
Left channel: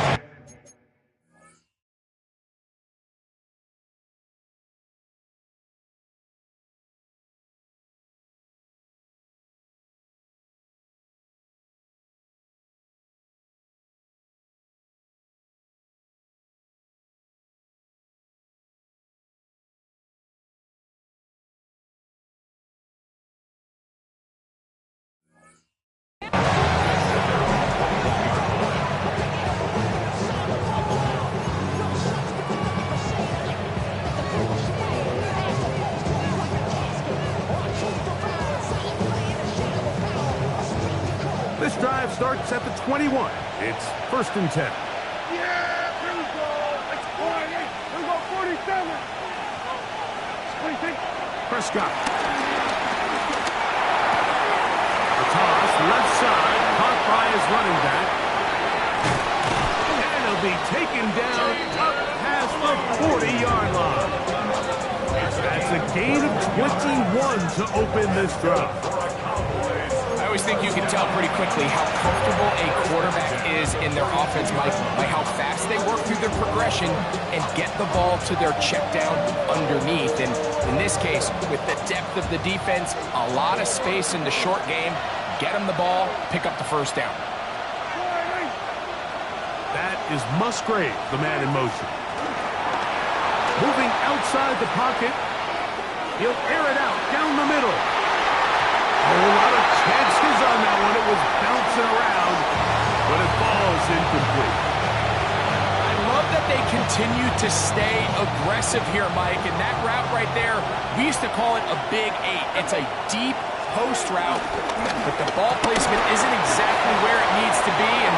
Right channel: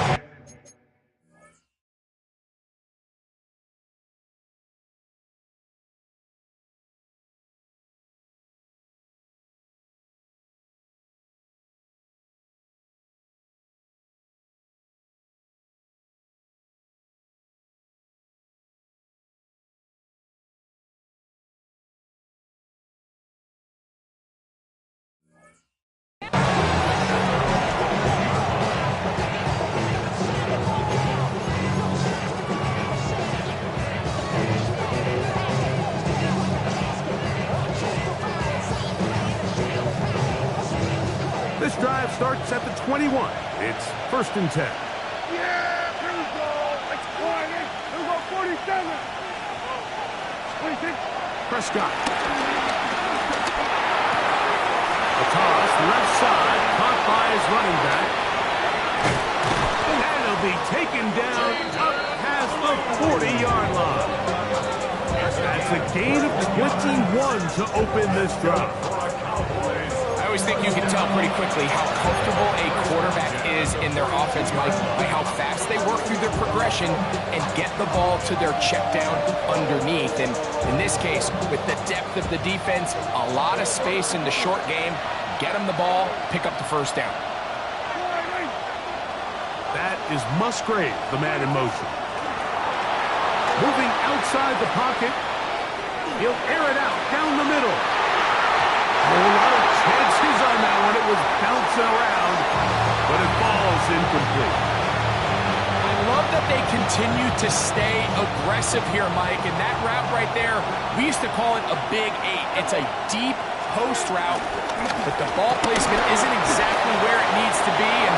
starts at the 21. It's 1st and 10. Yeah, here we go. Let's go. Here we go, 47. 26. Prescott. A toss, left side, caught by his running back. And he'll be taken down up past the 40-yard line. That's a gain of 21 to open this drive. I always think you can tell pretty quickly how comfortable a quarterback is in their offense, Mike, by how fast they work through their progression and get the ball to their check down underneath. And in this case, with the depth of the defense, a lot of space in the short game, get them the ball, pick up the first down. That is Musgrave, the man in motion. Moving outside the pocket, he'll air it out down the middle. A whole lot of chances on that one. It was bouncing around, but it falls incomplete. I love that they continue to stay aggressive here, Mike, and that route right there, we used to call it a big 8. It's a deep post route, but the ball placement isn't exactly where it needs to be, and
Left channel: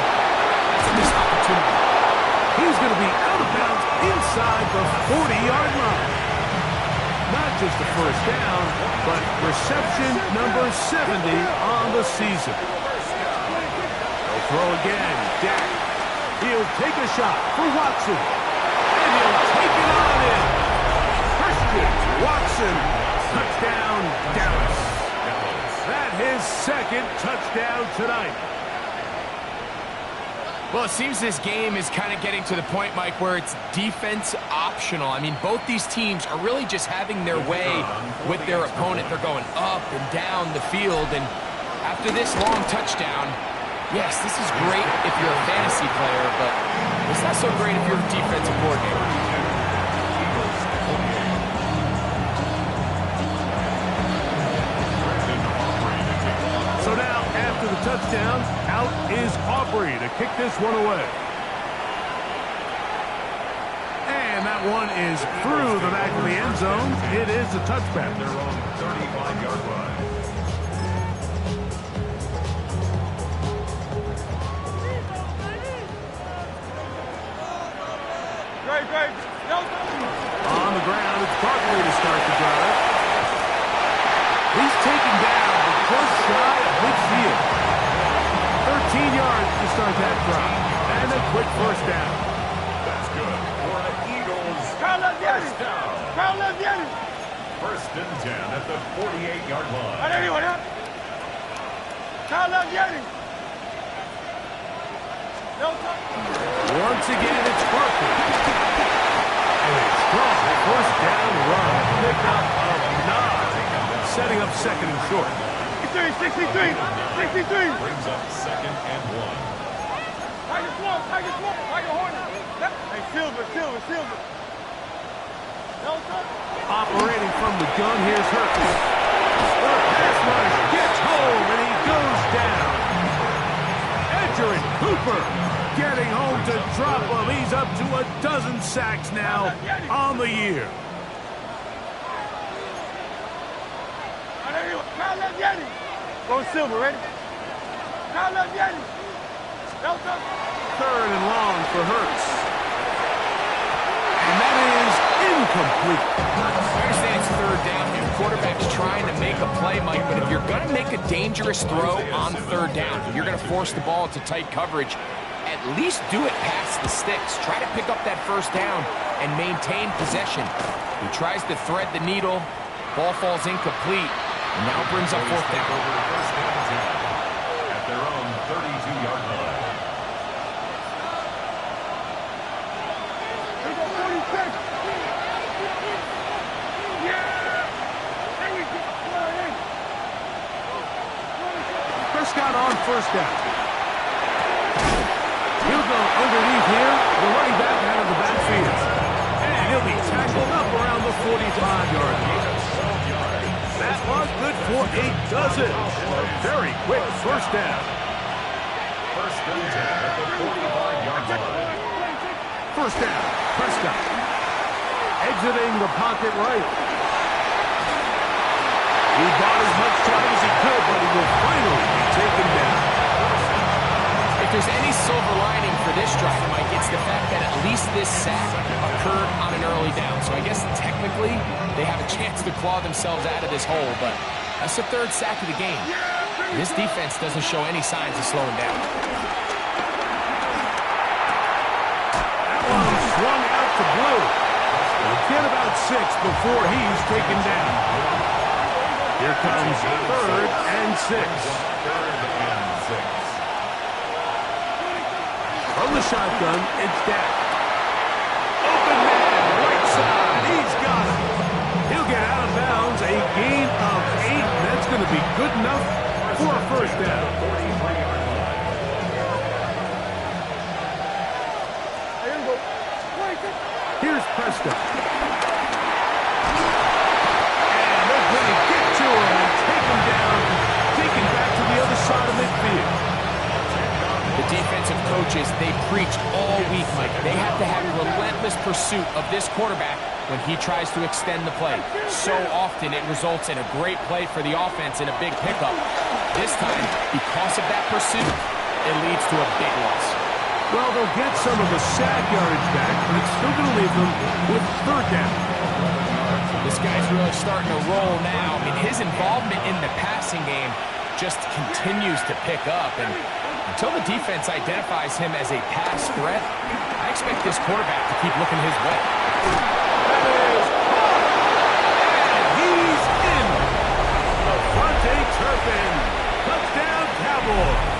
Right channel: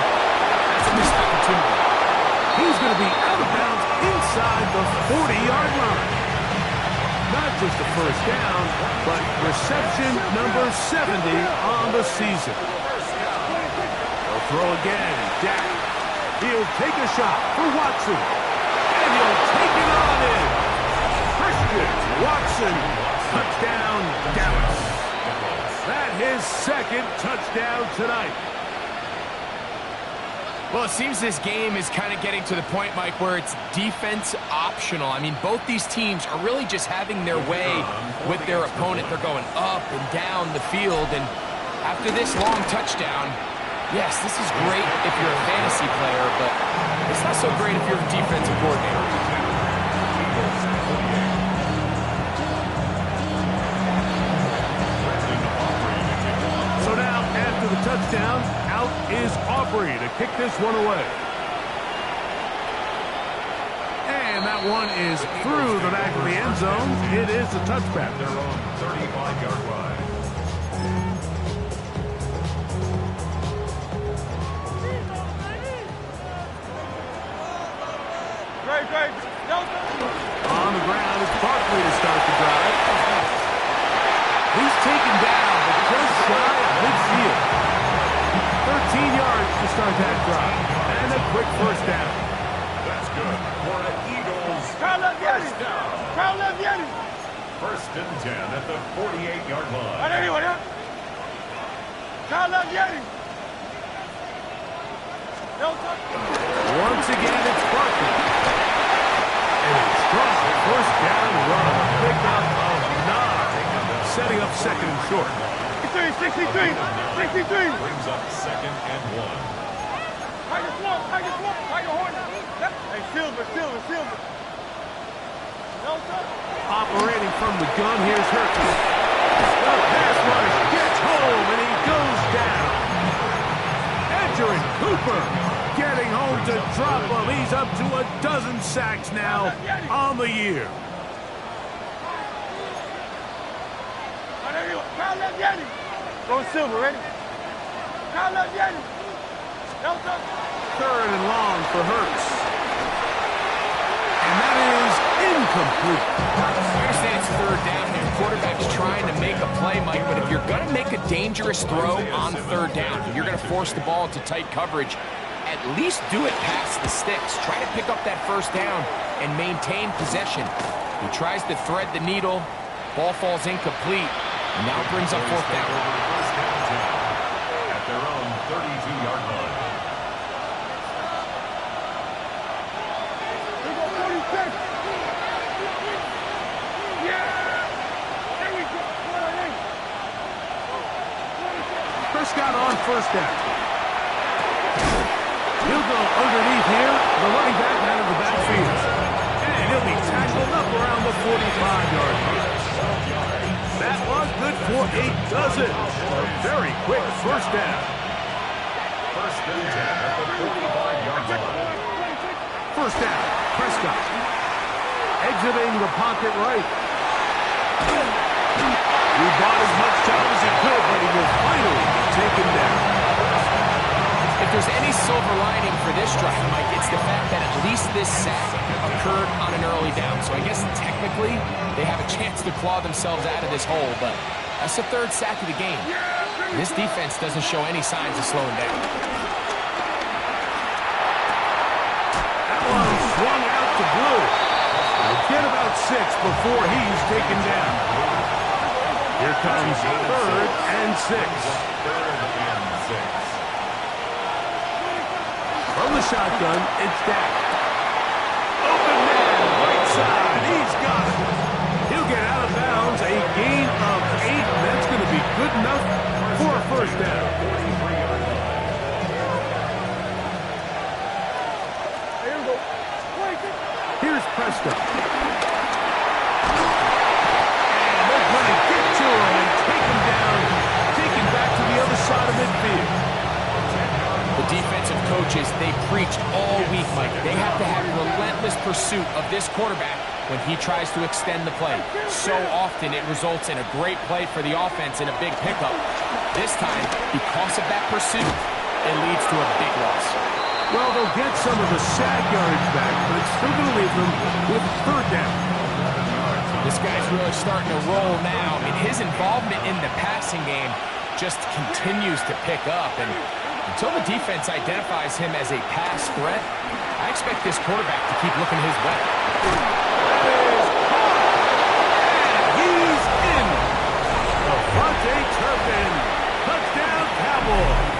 that's a missed opportunity. He's going to be out of bounds inside the 40-yard line. Not just the first down, but reception number 70 on the season. He'll throw again. Dak. He'll take a shot for Watson. And he'll take it on in. Christian Watson. Touchdown, Dallas. That's his second touchdown tonight. Well, it seems this game is kind of getting to the point, Mike, where it's defense optional. I mean, both these teams are really just having their way with their opponent. They're going up and down the field, and after this long touchdown, yes, this is great if you're a fantasy player, but it's not so great if you're a defensive coordinator. So now, after the touchdown, out is Aubrey to kick this one away. And that one is through the back of the end zone. It is a touchback. Their own 35-yard line. Great. On the ground, it's Barkley to start the drive. He's taken down, but just shy of midfield. 13 yards to start that drive. And a quick first down. That's good for the Eagles. First down. First and 10 at the 48-yard line. Once again, it's Barkley. And a strong first down run. A pickup of 9. Setting up second and short. 63. Brings up 2nd and 1. Tiger Hornet. Hey, Silver. Operating from the gun, here's Hurts. The pass rush gets home, and he goes down. Edgerrin Cooper getting home to drop him. He's up to a dozen sacks now on the year. Go Silver, ready? Third and long for Hurts. And that is incomplete. I understand it's third down here. The quarterback's trying to make a play, Mike, but if you're going to make a dangerous throw on third down, you're going to force the ball into tight coverage, at least do it past the sticks. Try to pick up that first down and maintain possession. He tries to thread the needle. Ball falls incomplete, and now brings up fourth down. Over first down 10 at their own 32-yard line. Prescott on first down. He'll go underneath here. The running back out of the backfield. And he'll be tackled up around the 45-yard line. That was good for a dozen. A very quick first down. First and 10 at the 45-yard line. First down, Prescott. Exiting the pocket right. He bought as much time as he could, but he will finally be taken down. If there's any silver lining for this drive, Mike, it's the fact that at least this sack occurred on an early down. So I guess technically they have a chance to claw themselves out of this hole, but that's the third sack of the game. This defense doesn't show any signs of slowing down. That one swung out to Blue. They'll get about 6 before he's taken down. Here comes 3rd and 6. 3rd and 6. From the shotgun, it's Dak. Open man, right side. He's got it. He'll get out of bounds. A gain of 8. And that's going to be good enough for a first down. 43-yard line. Here's Prescott. And they're going to get to him and take him down, take him back to the other side of midfield. The defensive coaches, they preached all week, Mike. They have to have relentless pursuit of this quarterback when he tries to extend the play. So often it results in a great play for the offense and a big pickup. This time, because of that pursuit, it leads to a big loss. Well, they'll get some of the sack yardage back, but it's still going to leave them with 3rd down. This guy's really starting to roll now. I mean, his involvement in the passing game just continues to pick up, and until the defense identifies him as a pass threat, I expect this quarterback to keep looking his way. That is caught! And he's in! Devontae Turpin. Touchdown, Cowboys.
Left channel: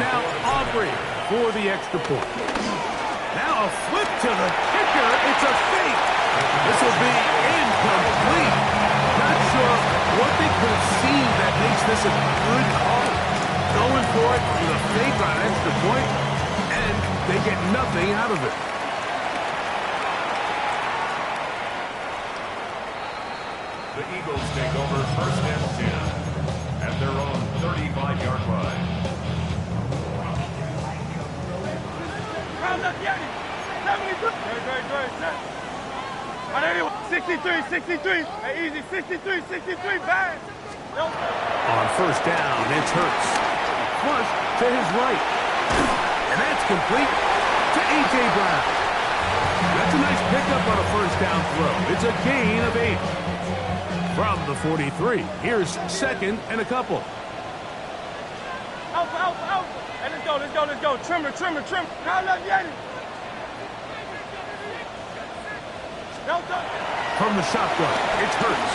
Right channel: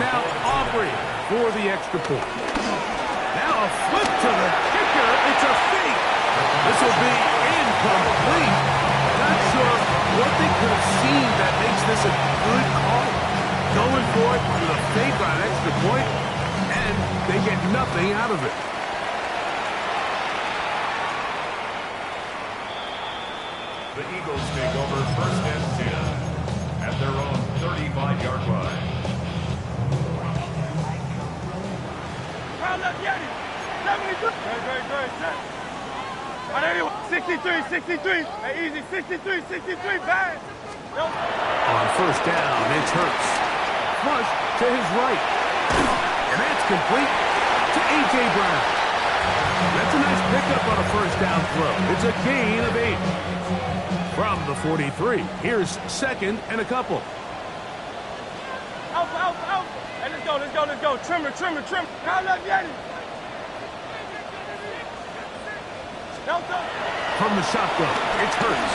Now Aubrey for the extra point. Now a flip to the kicker. It's a fake. This will be incomplete. Not sure what they could have seen that makes this a good call. Going for it with a fake on an extra point, and they get nothing out of it. The Eagles take over 1st and 10 at their own 35-yard line. Round up, Yeti. 72. Great. 63. Hey, easy. 63. Bang. On 1st down, it's Hurts. Flush to his right. And that's complete to A.J. Brown. That's a nice pickup on a 1st down throw. It's a gain of 8. From the 43, here's 2nd and a couple. Alpha. Hey, let's go. Trimmer. Round up, Yeti. From the shotgun, it's Hurts.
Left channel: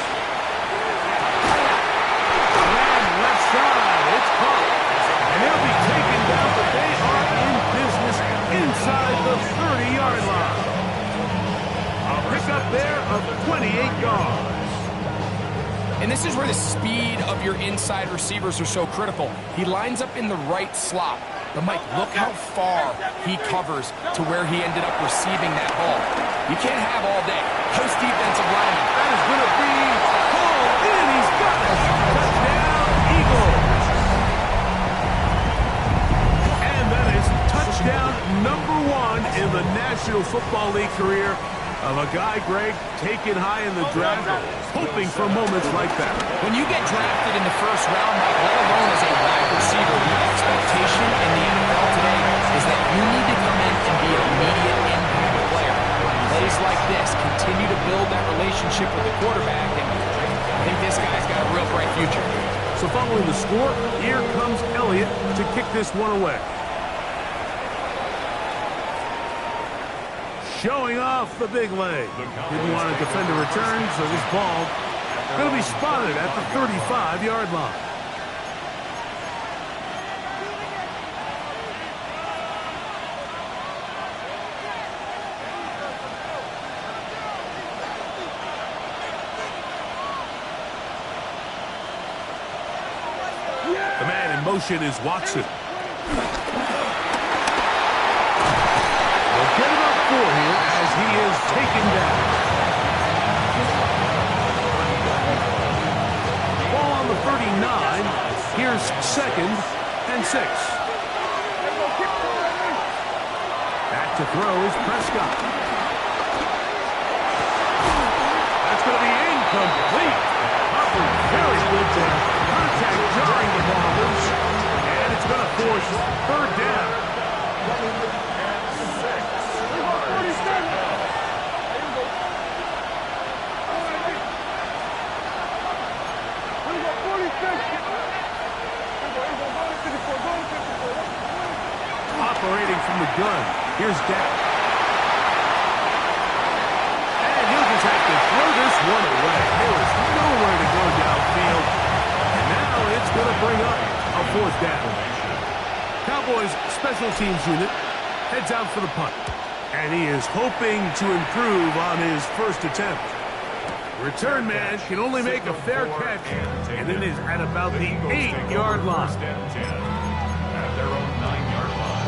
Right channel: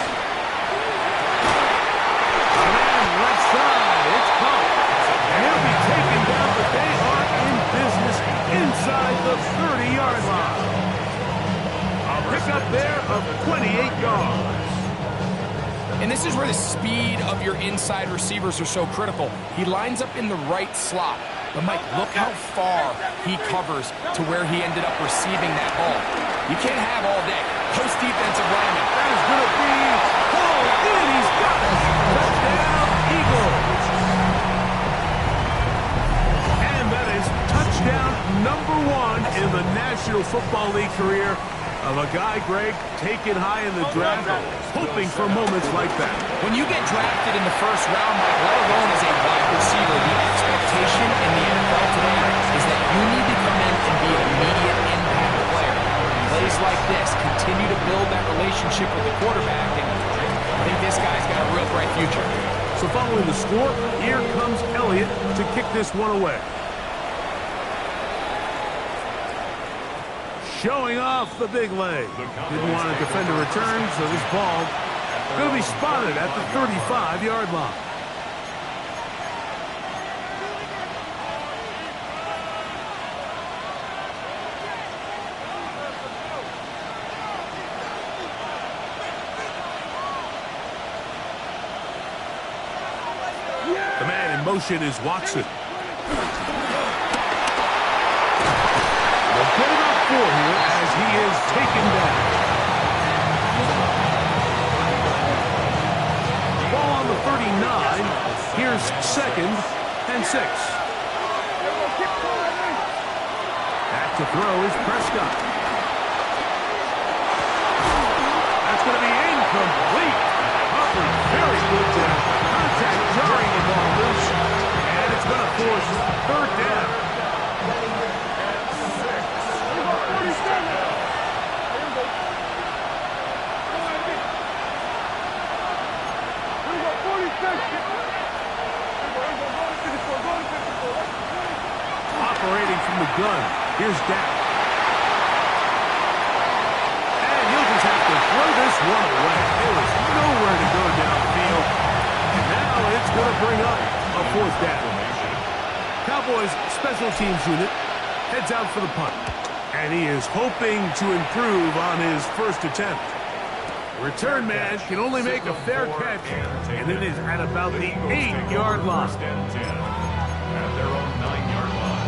A man left side, it's caught. And he'll be taken down, but they are in business inside the 30-yard line. A pickup there of 28 yards. And this is where the speed of your inside receivers are so critical. He lines up in the right slot. But, Mike, look how far he covers to where he ended up receiving that ball. You can't have all day. Post defensive lineman. That is going to be pulled in. He's got it. Touchdown, Eagles. And that is touchdown number 1 in the National Football League career of a guy, Greg, taken high in the draft, hoping for moments like that. When you get drafted in the 1st round, Mike, let alone as a wide receiver, the expectation in the NFL today is that you need to come in and be an immediate impact player. Plays like this continue to build that relationship with the quarterback, and I think this guy's got a real bright future. So following the score, here comes Elliott to kick this one away. Showing off the big leg. Didn't want to defend a return, so this ball going to be spotted at the 35-yard line. The man in motion is Watson. They'll get it up 4 here as he is taken down. Ball on the 39. Here's 2nd and 6. Back to throw is Prescott. That's going to be incomplete. Humphrey very good there. Contact jarring the ball loose. And And it's going to force third down. Operating from the gun, here's Dak. And he'll just have to throw this one away. There was nowhere to go downfield. And now it's going to bring up a fourth down. Cowboys special teams unit heads out for the punt. And he is hoping to improve on his first attempt. Return man can only make a fair catch, and it is at about the 8-yard line. First and 10 at their own 9-yard line.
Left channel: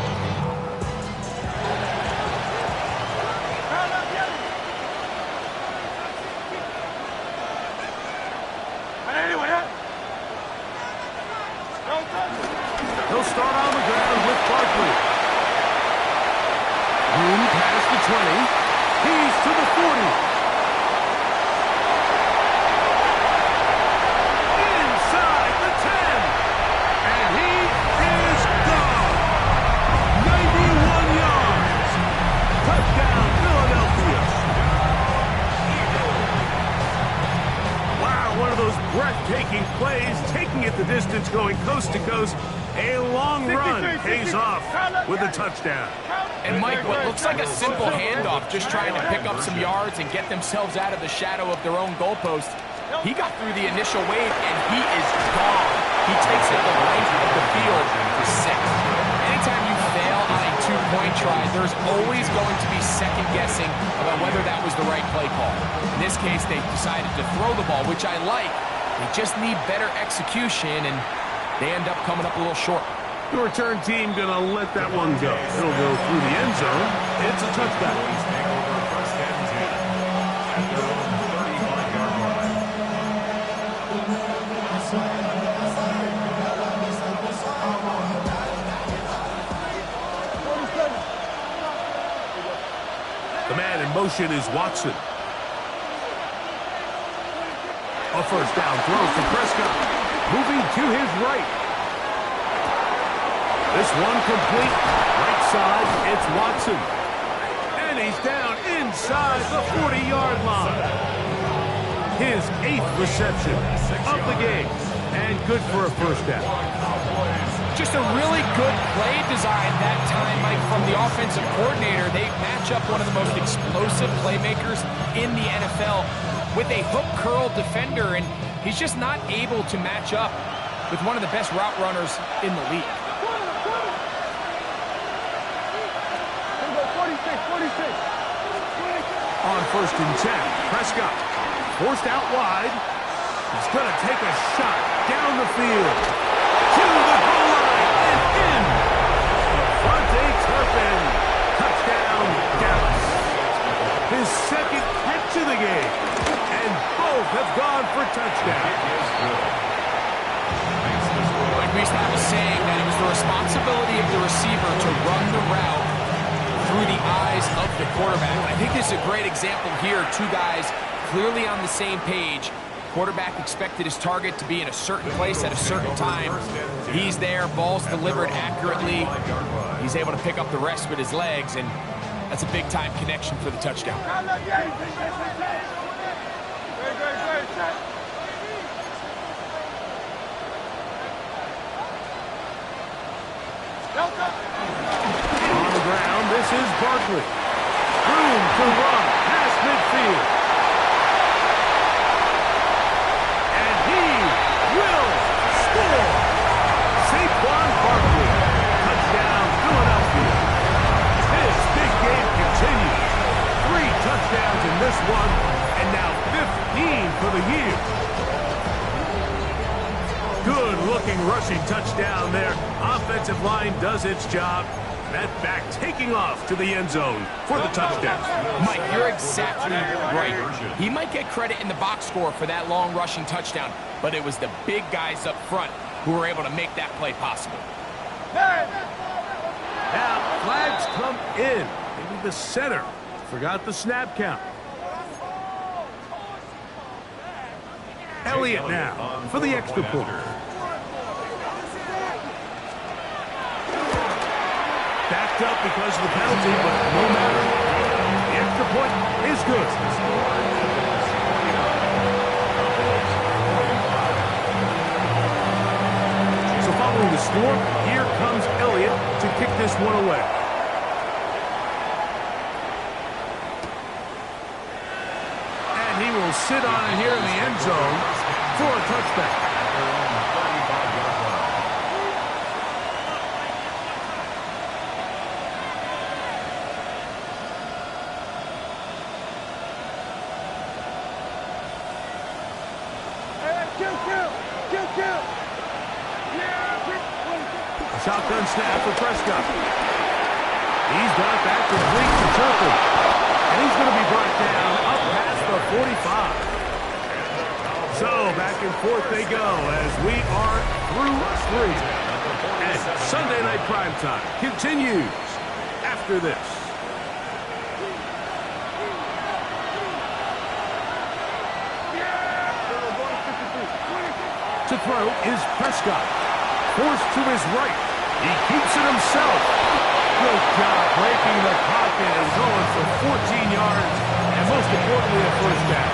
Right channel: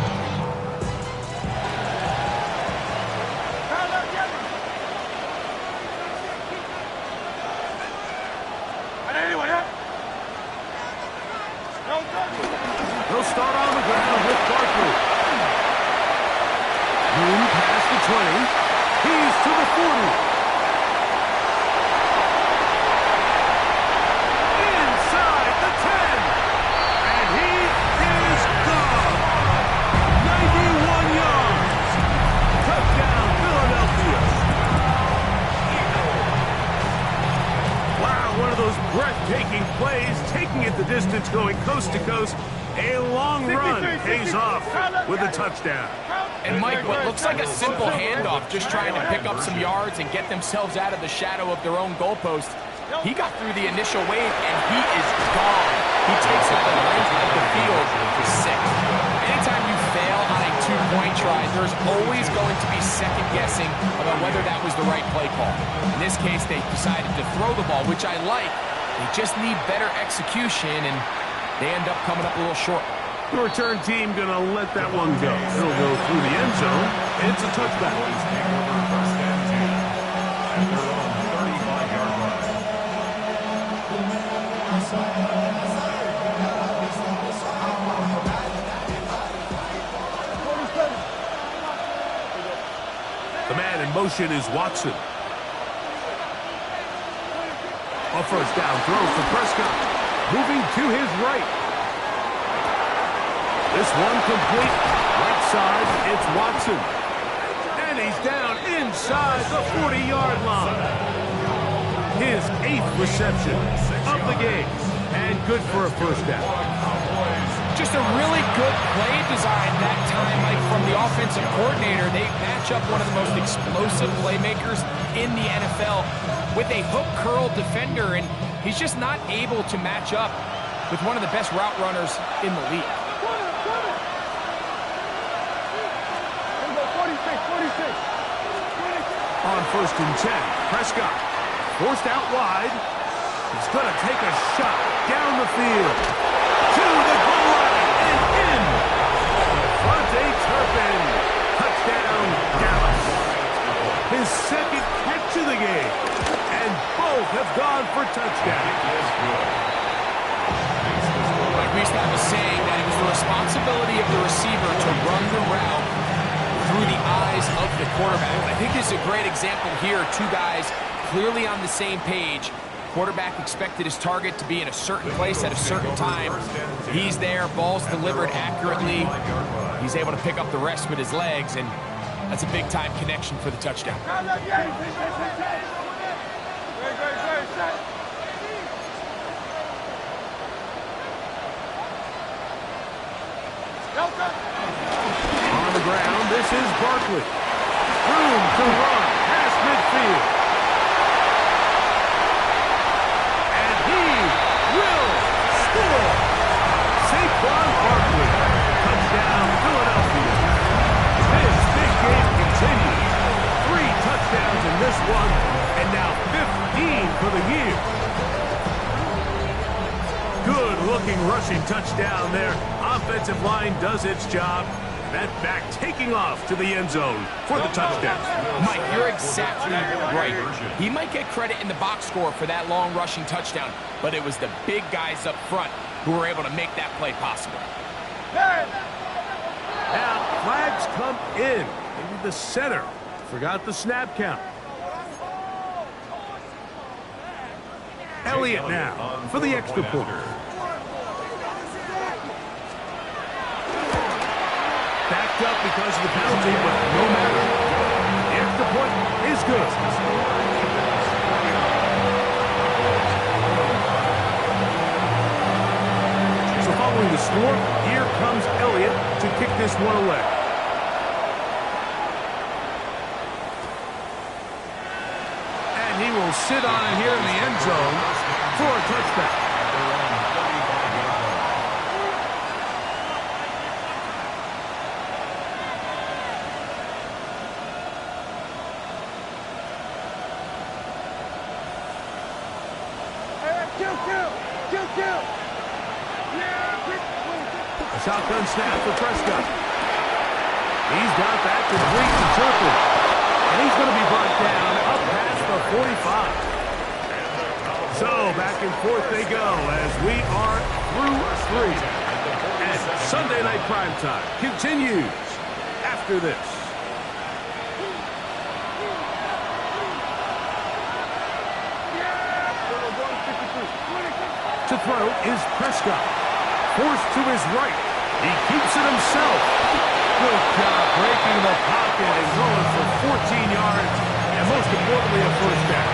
He'll start on the ground with Barkley. Room past the 20. He's to the 40. Inside the 10. And he is gone. 91 yards. Touchdown, Philadelphia. Wow, one of those breathtaking plays, taking it the distance, going coast to coast. A long run pays off with a touchdown. And Mike, what looks like a simple handoff, just trying to pick up some yards and get themselves out of the shadow of their own goalpost. He got through the initial wave, and he is gone. He takes it the length of the field for 6. Anytime you fail on a 2-point try, there's always going to be second guessing about whether that was the right play call. In this case, they decided to throw the ball, which I like. They just need better execution, and they end up coming up a little short. The return team going to let that one go. It'll go through the end zone. It's a touchback. Cowboys take over first and 10 at their own 35-yard line. The man in motion is Watson. A first down throw for Prescott. Moving to his right. This one complete. Right side, it's Watson. And he's down inside the 40-yard line. His 8th reception of the game. And good for a first down. Just a really good play design that time, Mike, from the offensive coordinator. They match up one of the most explosive playmakers in the NFL with a hook curl defender, and he's just not able to match up with one of the best route runners in the league. On first and 10, Prescott forced out wide. He's going to take a shot down the field to the goal line and in. Devontae Turpin, touchdown Dallas. His second catch of the game, and both have gone for touchdown. Like we used to have a saying that it was the responsibility of the receiver to run the route through the eyes of the quarterback. I think this is a great example here. Two guys clearly on the same page. Quarterback expected his target to be in a certain place at a certain time. He's there, ball's delivered accurately. He's able to pick up the rest with his legs, and that's a big-time connection for the touchdown. On the ground, this is Barkley. Room to run past midfield. And he will score. Saquon Barkley. Touchdown, Philadelphia. This big game continues. 3 touchdowns in this one, and now 15 for the year. Good-looking rushing touchdown there. Offensive line does its job. That back taking off to the end zone for the touchdown. Mike, you're exactly right. He might get credit in the box score for that long rushing touchdown, but it was the big guys up front who were able to make that play possible. Now, flags come in. Maybe the center forgot the snap count. Elliott now for the extra point. backed up because of the penalty, but no matter. The extra point is good. So following the score, here comes Elliott to kick this one away. And he will sit on it here in the end zone for a touchback. A shotgun snap for Prescott. He's got that complete to Turpin. And he's going to be brought down up past the 45. So back and forth they go as we are through 3. And Sunday Night Primetime continues after this. To throw is Prescott. Forced to his right. He keeps it himself. Good job breaking the pocket and going for 14 yards. And most importantly, a first down.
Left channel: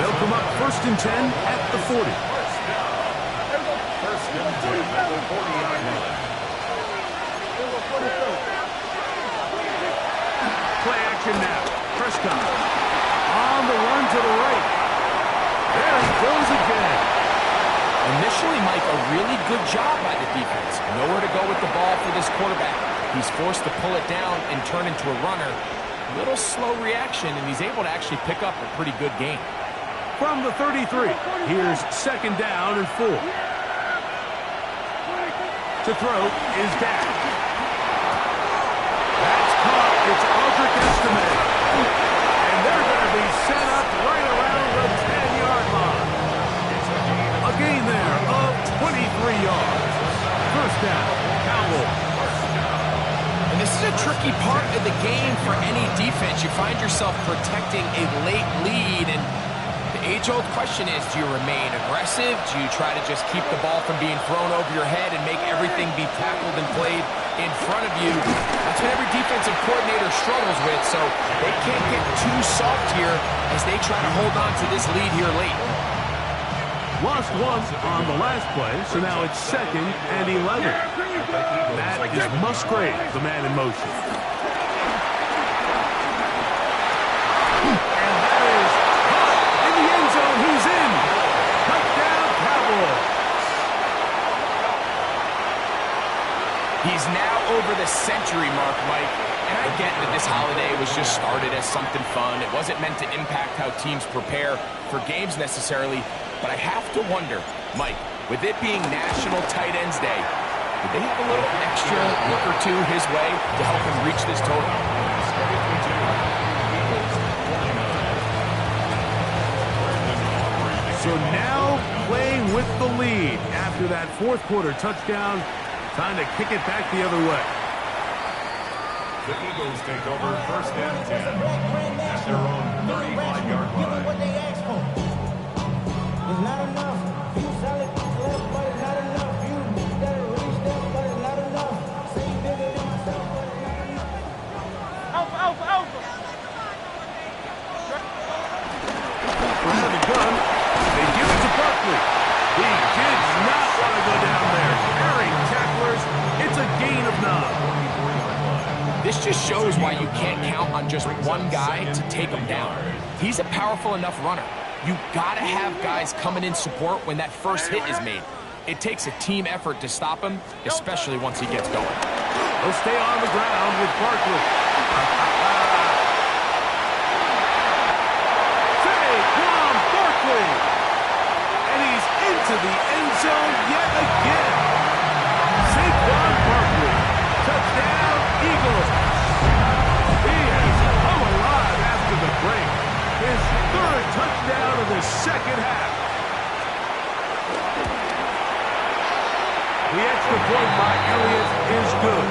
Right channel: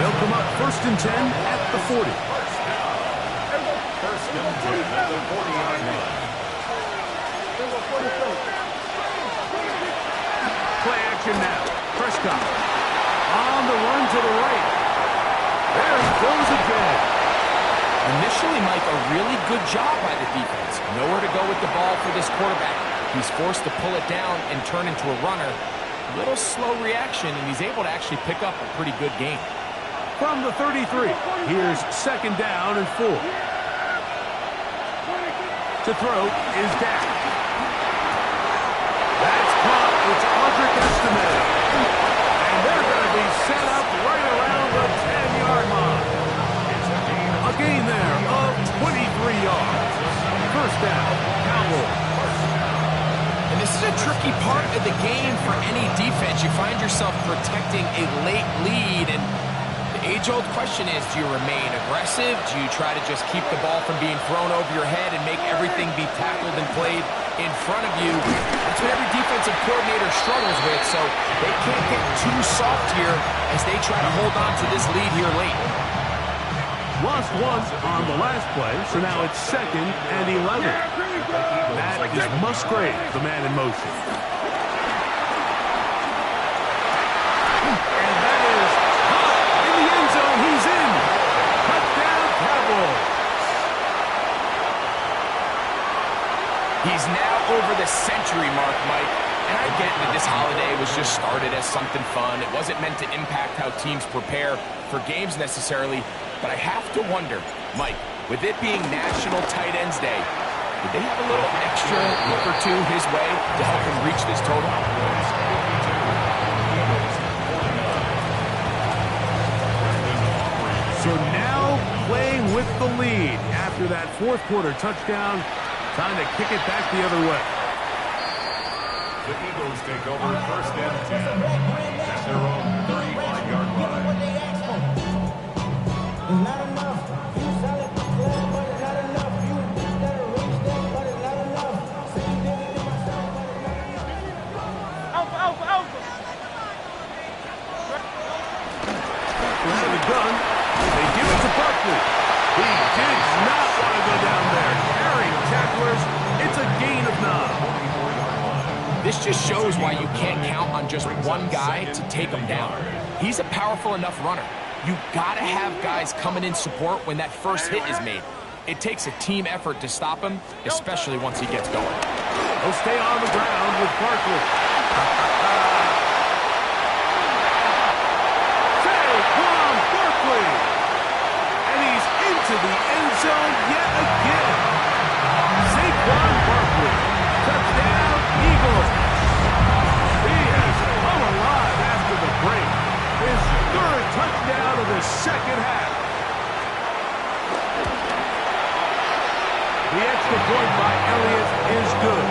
They'll come up 1st and 10 at the 40. First and 10 at the 40-yard line. Play action now. Prescott on the run to the right. There he goes again. Initially, Mike, a really good job by the defense. Nowhere to go with the ball for this quarterback. He's forced to pull it down and turn into a runner. Little slow reaction, and he's able to actually pick up a pretty good gain. From the 33, here's 2nd down and 4. To throw is Dak. That's caught. It's Audric Estime. And they're going to be set up right around the 10-yard line. A gain there of 23 yards. First down, Cowboys. And this is a tricky part of the game for any defense. You find yourself protecting a late lead, and the age-old question is, do you remain aggressive? Do you try to just keep the ball from being thrown over your head and make everything be tackled and played in front of you? That's what every defensive coordinator struggles with, so they can't get too soft here as they try to hold on to this lead here late. Lost one on the last play, so now it's 2nd and 11. That is Musgrave, the man in motion. And that is caught in the end zone. He's in. Touchdown, Cowboys. He's now over the century mark, Mike. And I get that this holiday was just started as something fun. It wasn't meant to impact how teams prepare for games necessarily. But I have to wonder, Mike, with it being National Tight Ends Day, did they have a little extra look or two his way to help him reach this total? So now playing with the lead after that 4th quarter touchdown. Time to kick it back the other way. The Eagles take over 1st and 10 at their own 35-yard line. It's not enough. You solid left, but it's not enough. You better reach them, but it's not enough. Say you bigger than myself, but it's not enough. Alpha, alpha, alpha. Out of the gun, they give it to Barkley. He did not want to go down there. Carrying tacklers, it's a gain of 9. This just shows why you can't count on just one guy to take him down. He's a powerful enough runner. You gotta have guys coming in support when that first hit is made. It takes a team effort to stop him, especially once he gets going. He'll stay on the ground with Barkley. Saquon Barkley. And he's into the end zone yet again. Saquon Barkley. Touchdown, Eagles. He has come alive after the break. His 3rd touchdown of the 2nd half. The extra point by Elliott is good.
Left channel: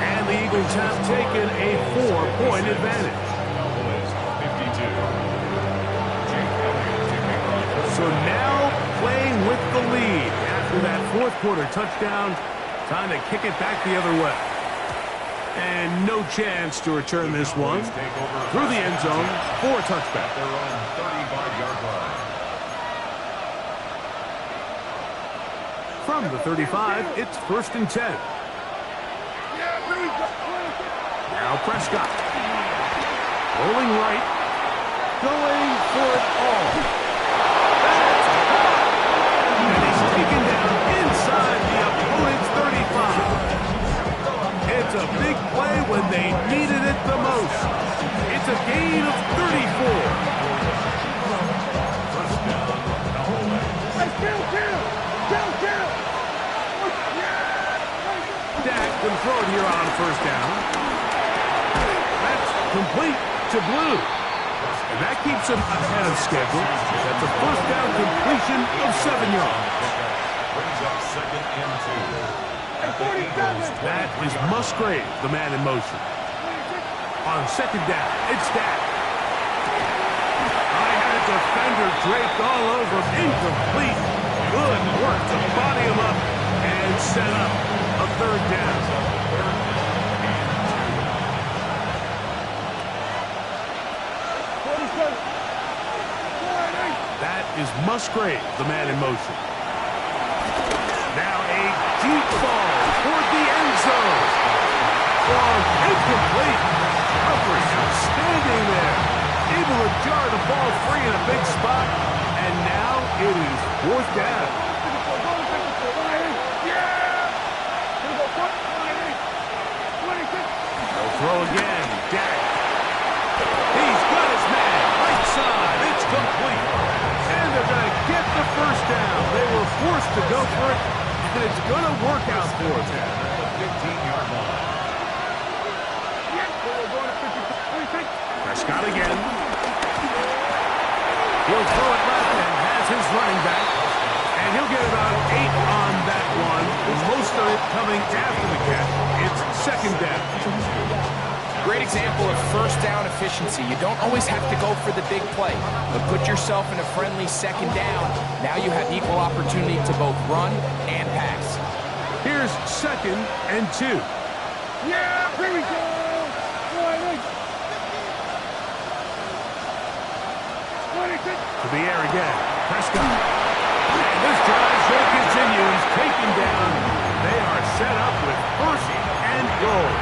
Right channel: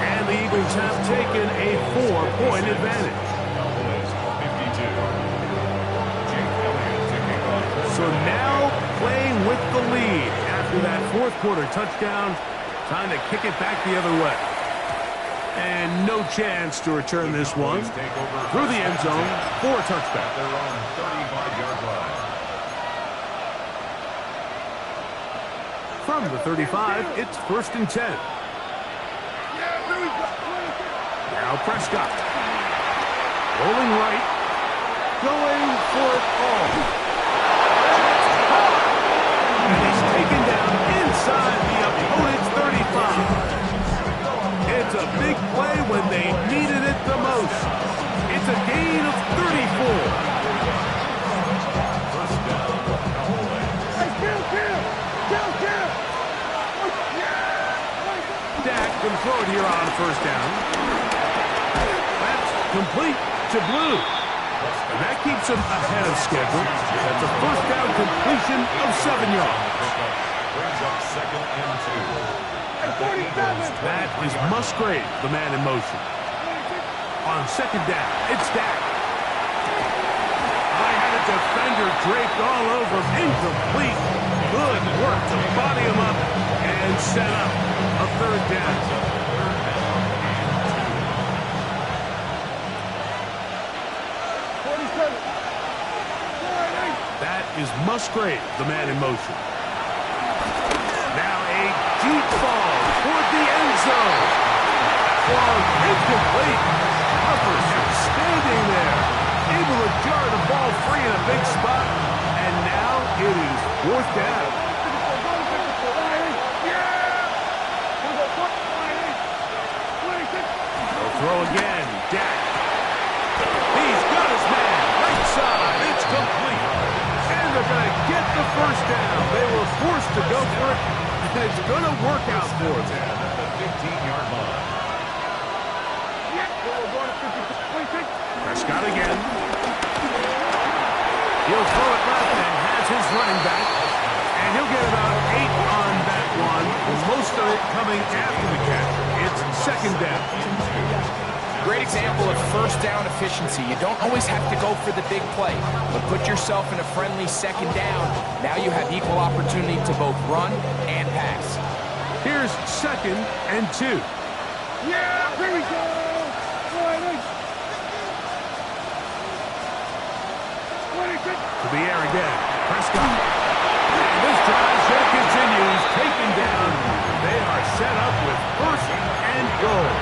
And the Eagles have taken a 4-point advantage. So now playing with the lead after that 4th quarter touchdown. Time to kick it back the other way. And no chance to return this one through the end zone for a touchback. They're on 35-yard line. From the 35, it's 1st and 10. Now Prescott. Rolling right. Going for it all. That's caught! And he's taken down inside the opponent's 35. It's a big play when they needed it the most. It's a gain of 34. First down, Callaway. Hey, kill! Dak can throw it here on 1st down. That's complete to Blue. And that keeps him ahead of schedule. That's a 1st down completion of 7 yards. Brings up 2nd and 2. That is Musgrave, the man in motion. On 2nd down, it's Dak. I had a defender draped all over him. Incomplete. Good work to body him up and set up a 3rd down. That is Musgrave, the man in motion. Now a deep ball toward the end zone. Long, incomplete. Hufford outstanding there. Able to jar the ball free in a big spot. And now it is 4th down. They'll throw again. Dak. He's got his man. Right side. It's complete. And they're going to get the 1st down. They were forced to go for it. And it's going to work out for them. At the 15-yard line. Prescott again. He'll throw it left and has his running back. And he'll get about 8 on that one. Most of it coming after the catch. It's 2nd down. Great example of 1st down efficiency. You don't always have to go for the big play, but put yourself in a friendly 2nd down. Now you have equal opportunity to both run and pass. Here's 2nd and 2. Yeah, here we go. To the air again. Prescott. And this drive should continue. He's taken down. They are set up with 1st and goal.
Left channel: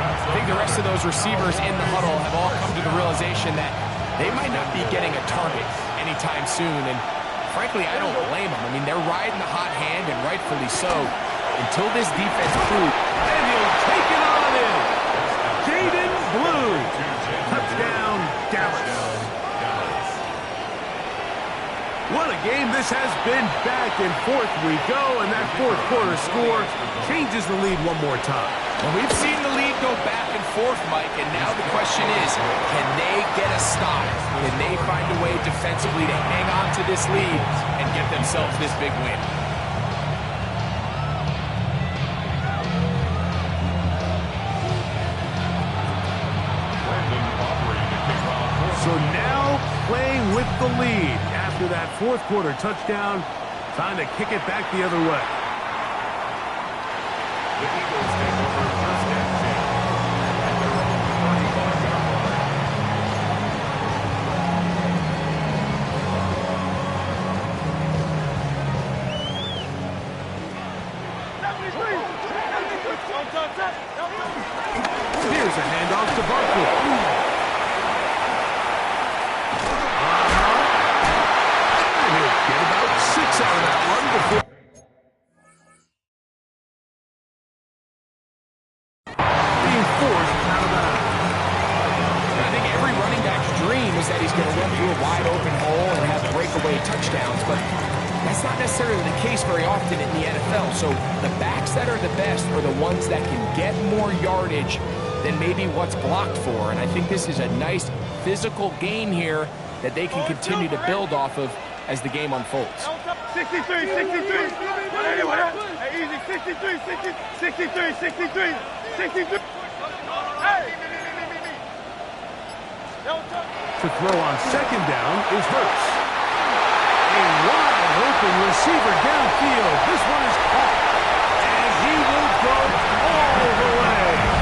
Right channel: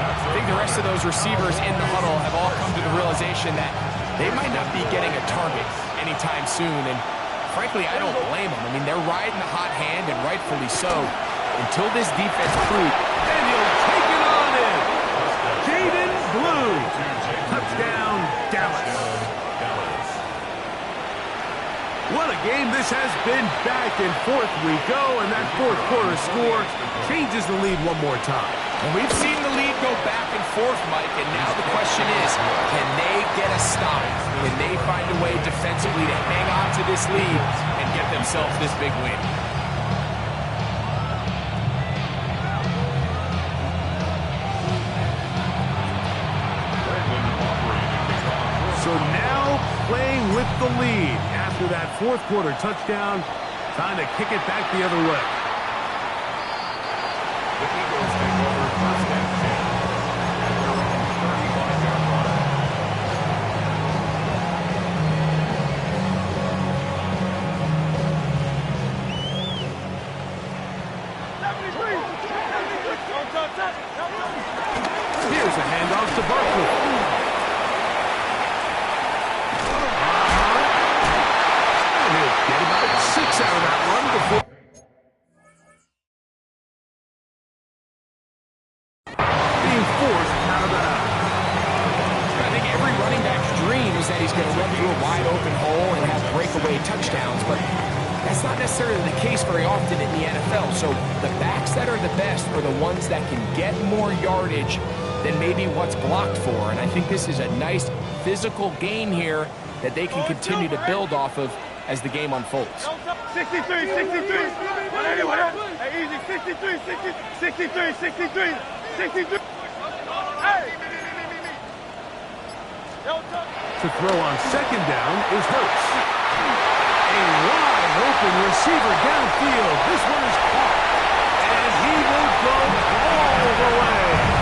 I think the rest of those receivers in the huddle have all come to the realization that they might not be getting a target anytime soon. And frankly, I don't blame them. I mean, they're riding the hot hand, and rightfully so, until this defense proves. And he'll take it on in. Jaden Blue. Touchdown, Dallas. What a game this has been. Back and forth we go, and that 4th quarter score changes the lead one more time. And we've seen the lead go back and forth, Mike, and now the question is, can they get a stop? Can they find a way defensively to hang on to this lead and get themselves this big win? So now playing with the lead after that 4th quarter touchdown, trying to kick it back the other way. The Eagles take over 1st and 10 at their own 35-yard line. Here's a handoff to Barkley. And he'll get about 6 out of that one before being forced out of that. I think every running back's dream is that he's going to run through a wide open hole and have breakaway touchdowns, but that's not necessarily the case very often in the NFL. So the backs that are the best are the ones that can get more yardage than maybe what's blocked for. And I think this is a nice physical gain here that they can continue to build off of as the game unfolds. 63, 63. Hey, easy. 63, 63, 63, 63. Hey! To throw on 2nd down is Hurts. A wide open receiver downfield. This one is caught. And he will go all the way.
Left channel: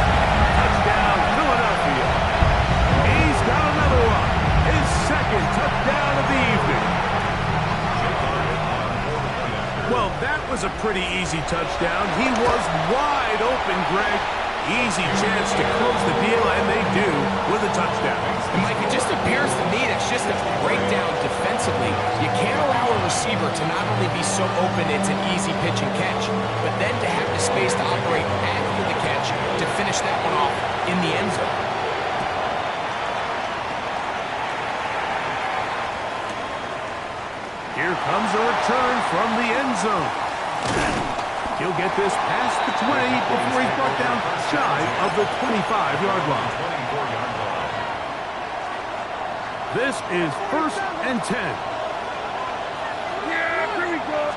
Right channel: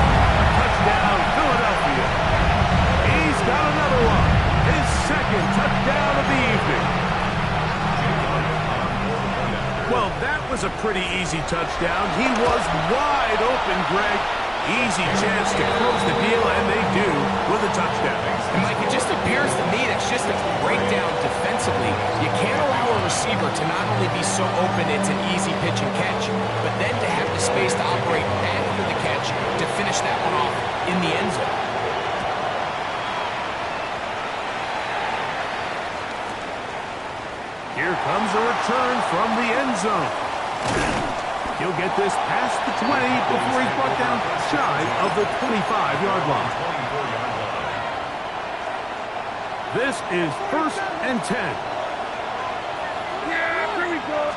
pretty easy touchdown. He was wide open, Greg. Easy chance to close the deal, and they do with a touchdown. And Mike, it just appears to me that's just a breakdown defensively. You can't allow a receiver to not only be so open it's an easy pitch and catch, but then to have the space to operate after the catch to finish that one off in the end zone. Here comes a return from the end zone. He'll get this past the 20 before he's brought down shy of the 25-yard line. This is 1st and 10. Yeah, here we go.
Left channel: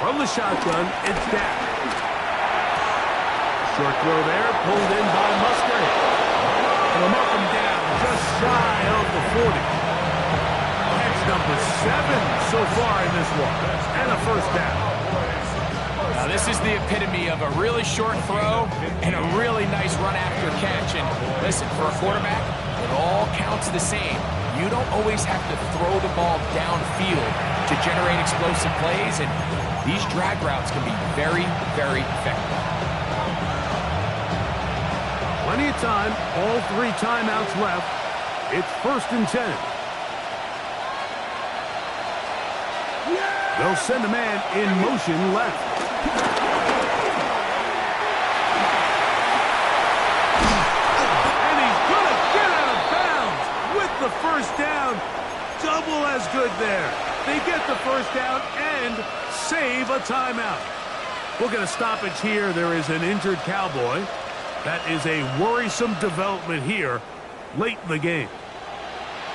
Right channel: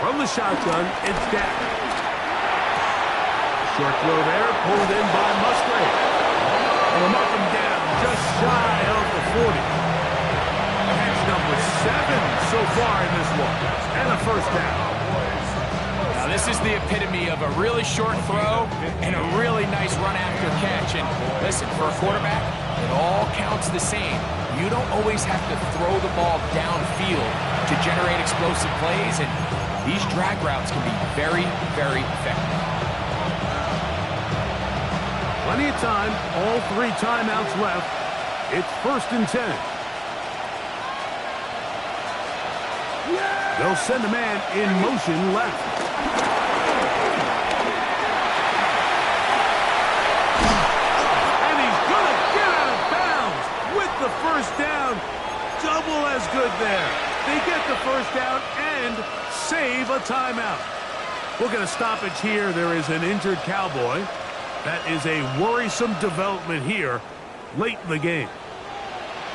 From the shotgun, it's Dak. Short throw there, pulled in by Musgrave. And they'll mark him down just shy of the 40. That's number 7 so far in this one. And a first down. Now, this is the epitome of a really short throw and a really nice run after catch. And listen, for a quarterback, it all counts the same. You don't always have to throw the ball downfield to generate explosive plays, and these drag routes can be very, very effective. Plenty of time, all 3 timeouts left. It's 1st and 10. They'll send a man in motion left. And he's going to get out of bounds with the first down. Double as good there. They get the first down and save a timeout. We'll get a stoppage here. There is an injured Cowboy. That is a worrisome development here late in the game.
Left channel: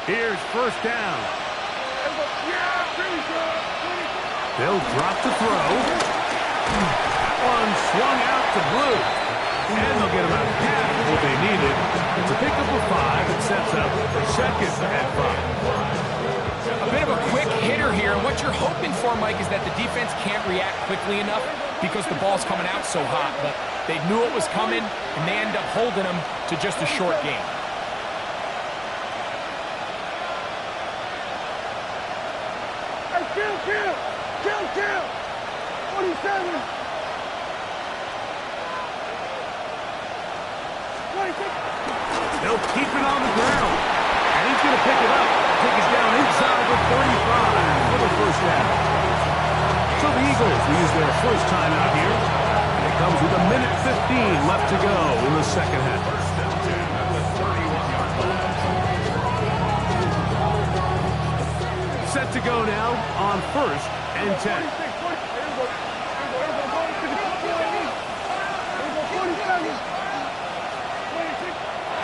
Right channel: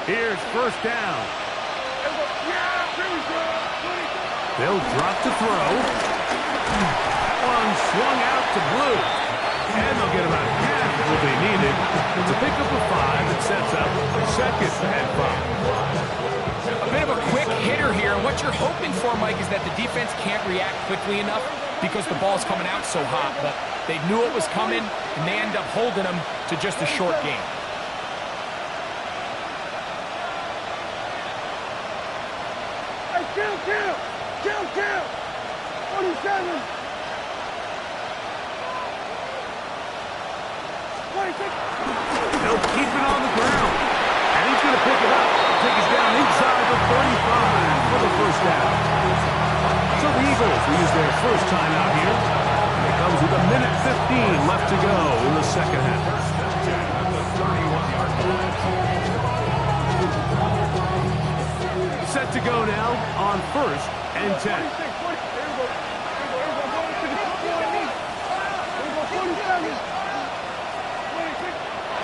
Here's first down. They'll drop to throw. That one swung out to Blue. And they'll get about half of what they needed. It's a pickup of 5 that sets up for 2nd and 5. A bit of a quick hitter here, and what you're hoping for, Mike, is that the defense can't react quickly enough because the ball's coming out so hot. But they knew it was coming, and they end up holding them to just a short game. Hey, kill! 47! 26! They'll keep it on the ground. And he's going to pick it up. Take it down inside the 35 for the first down. So the Eagles will use their first timeout here. And it comes with 1:15 left to go in the second half. First and 10 at the 31-yard line. Set to go now on 1st and 10.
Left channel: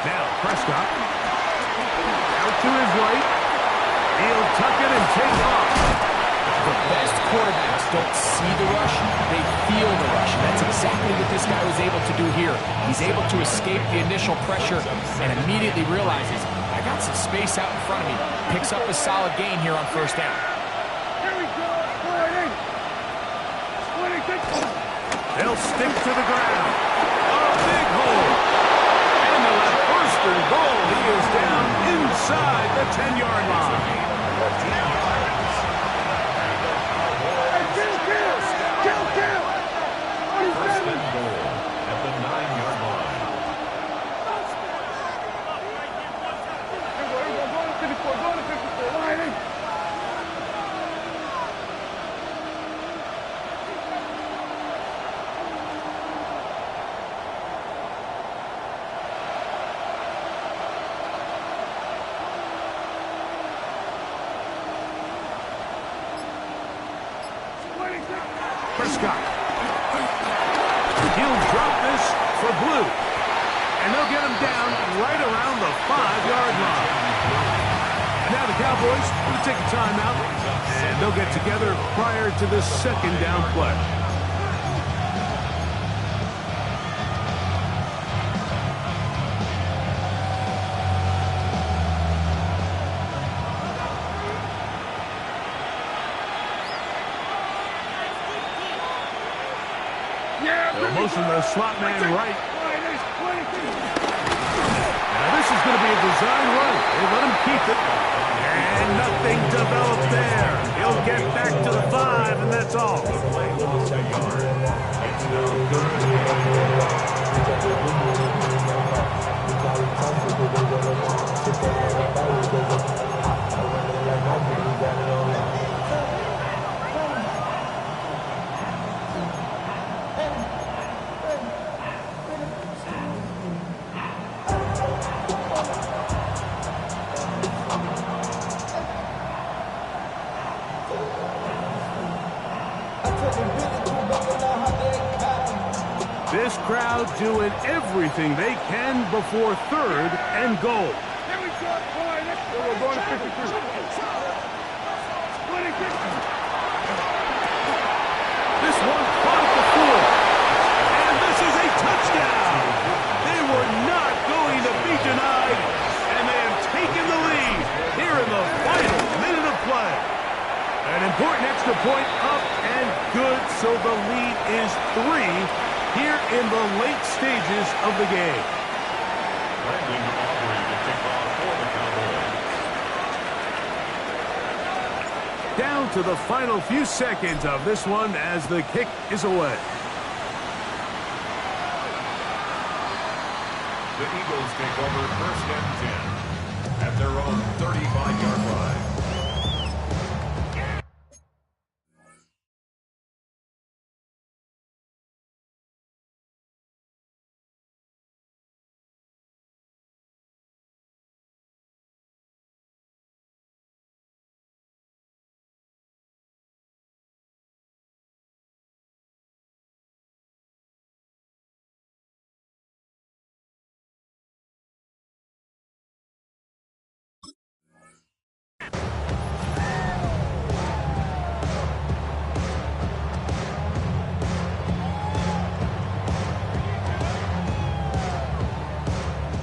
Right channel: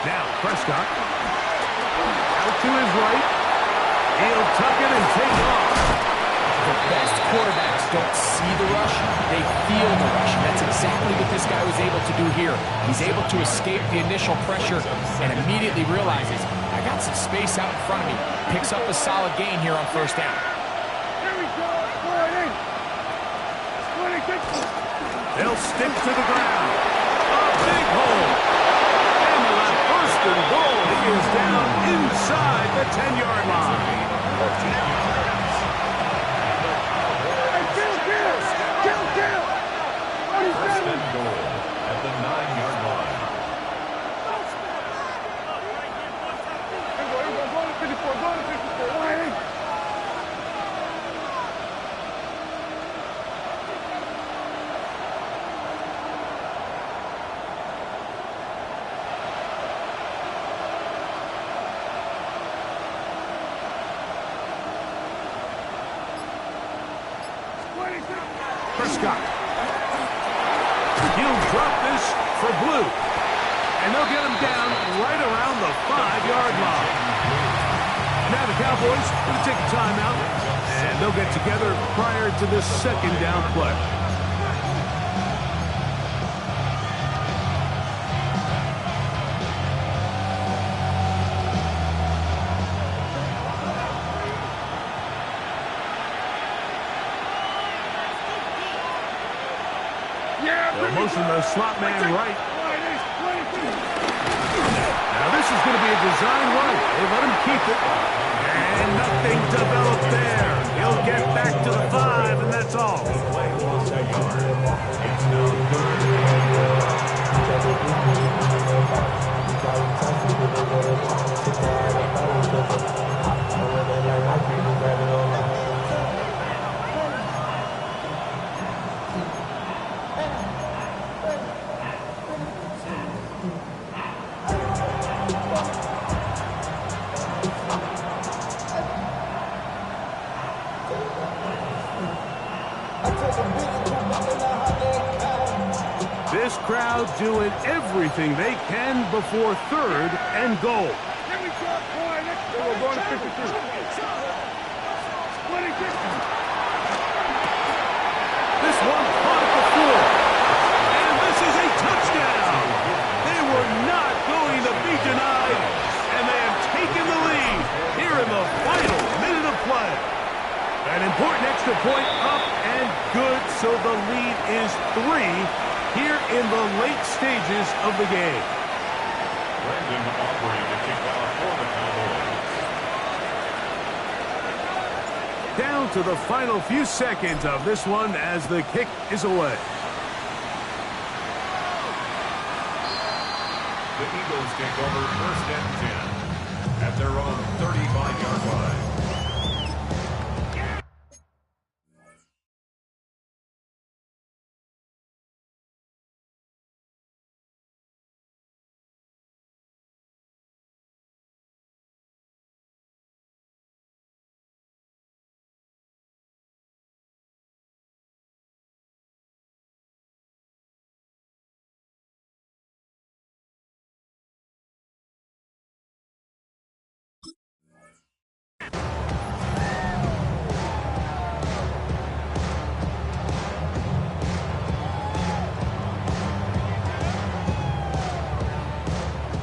Now Prescott out to his right. He'll tuck it and take off. The best quarterbacks don't see the rush, they feel the rush. And that's exactly what this guy was able to do here. He's able to escape the initial pressure and immediately realizes, I got some space out in front of me. Picks up a solid gain here on first down. Here we go. They'll stick to the ground. A big hole. And they'll have first and goal. He is down inside the 10-yard line. Kill! First and goal at the 9-yard line. Go to 54. Line in. Prescott. He'll drop this for Blue. And they'll get him down right around the 5-yard line. And now the Cowboys going to take a timeout. And they'll get together prior to this second down play. They'll motion the slot man right. Now this is going to be a design run. They let him keep it. And nothing developed there. He'll get back to the 5, and that's all. The play lost a yard. It's now 3rd and 4. This crowd doing everything they can before 3rd and goal. Here we go, boy. We're going to 53. 26. This one caught at the 4. And this is a touchdown. They were not going to be denied. And they have taken the lead here in the final minute of play. An important extra point up and good, so the lead is 3 here in the late stages of the game. Brandon Aubrey to kick off for the Cowboys. Down to the final few seconds of this one as the kick is away. The Eagles take over 1st and 10 at their own 35-yard line.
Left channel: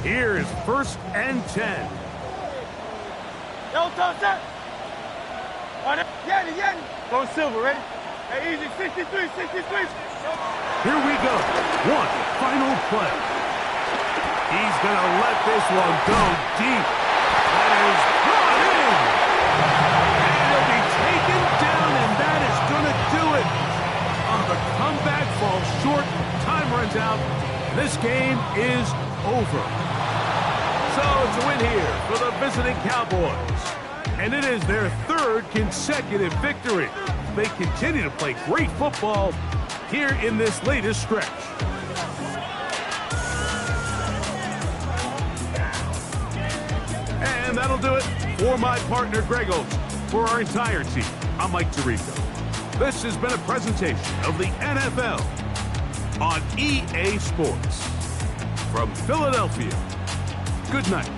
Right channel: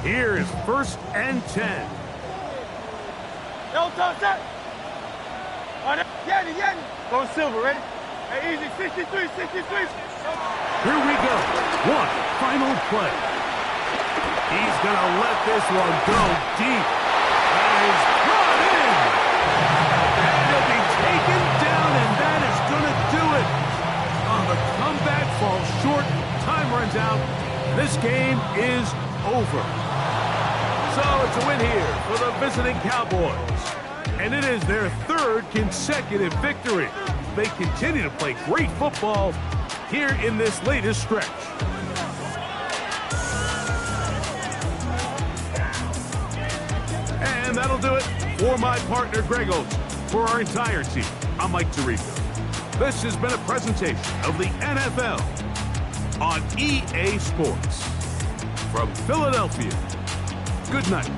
Here is 1st and 10. Yo, top set. Yanni. Go silver, ready? Hey, easy, 63. Here we go. One final play. He's going to let this one go deep. That is brought in. And he'll be taken down, and that is going to do it. The comeback falls short. Time runs out. And this game is over. So it's a win here for the visiting Cowboys. And it is their 3rd consecutive victory. They continue to play great football here in this latest stretch. And that'll do it for my partner, Greg Olsen. For our entire team, I'm Mike Tirico. This has been a presentation of the NFL on EA Sports. From Philadelphia, good night.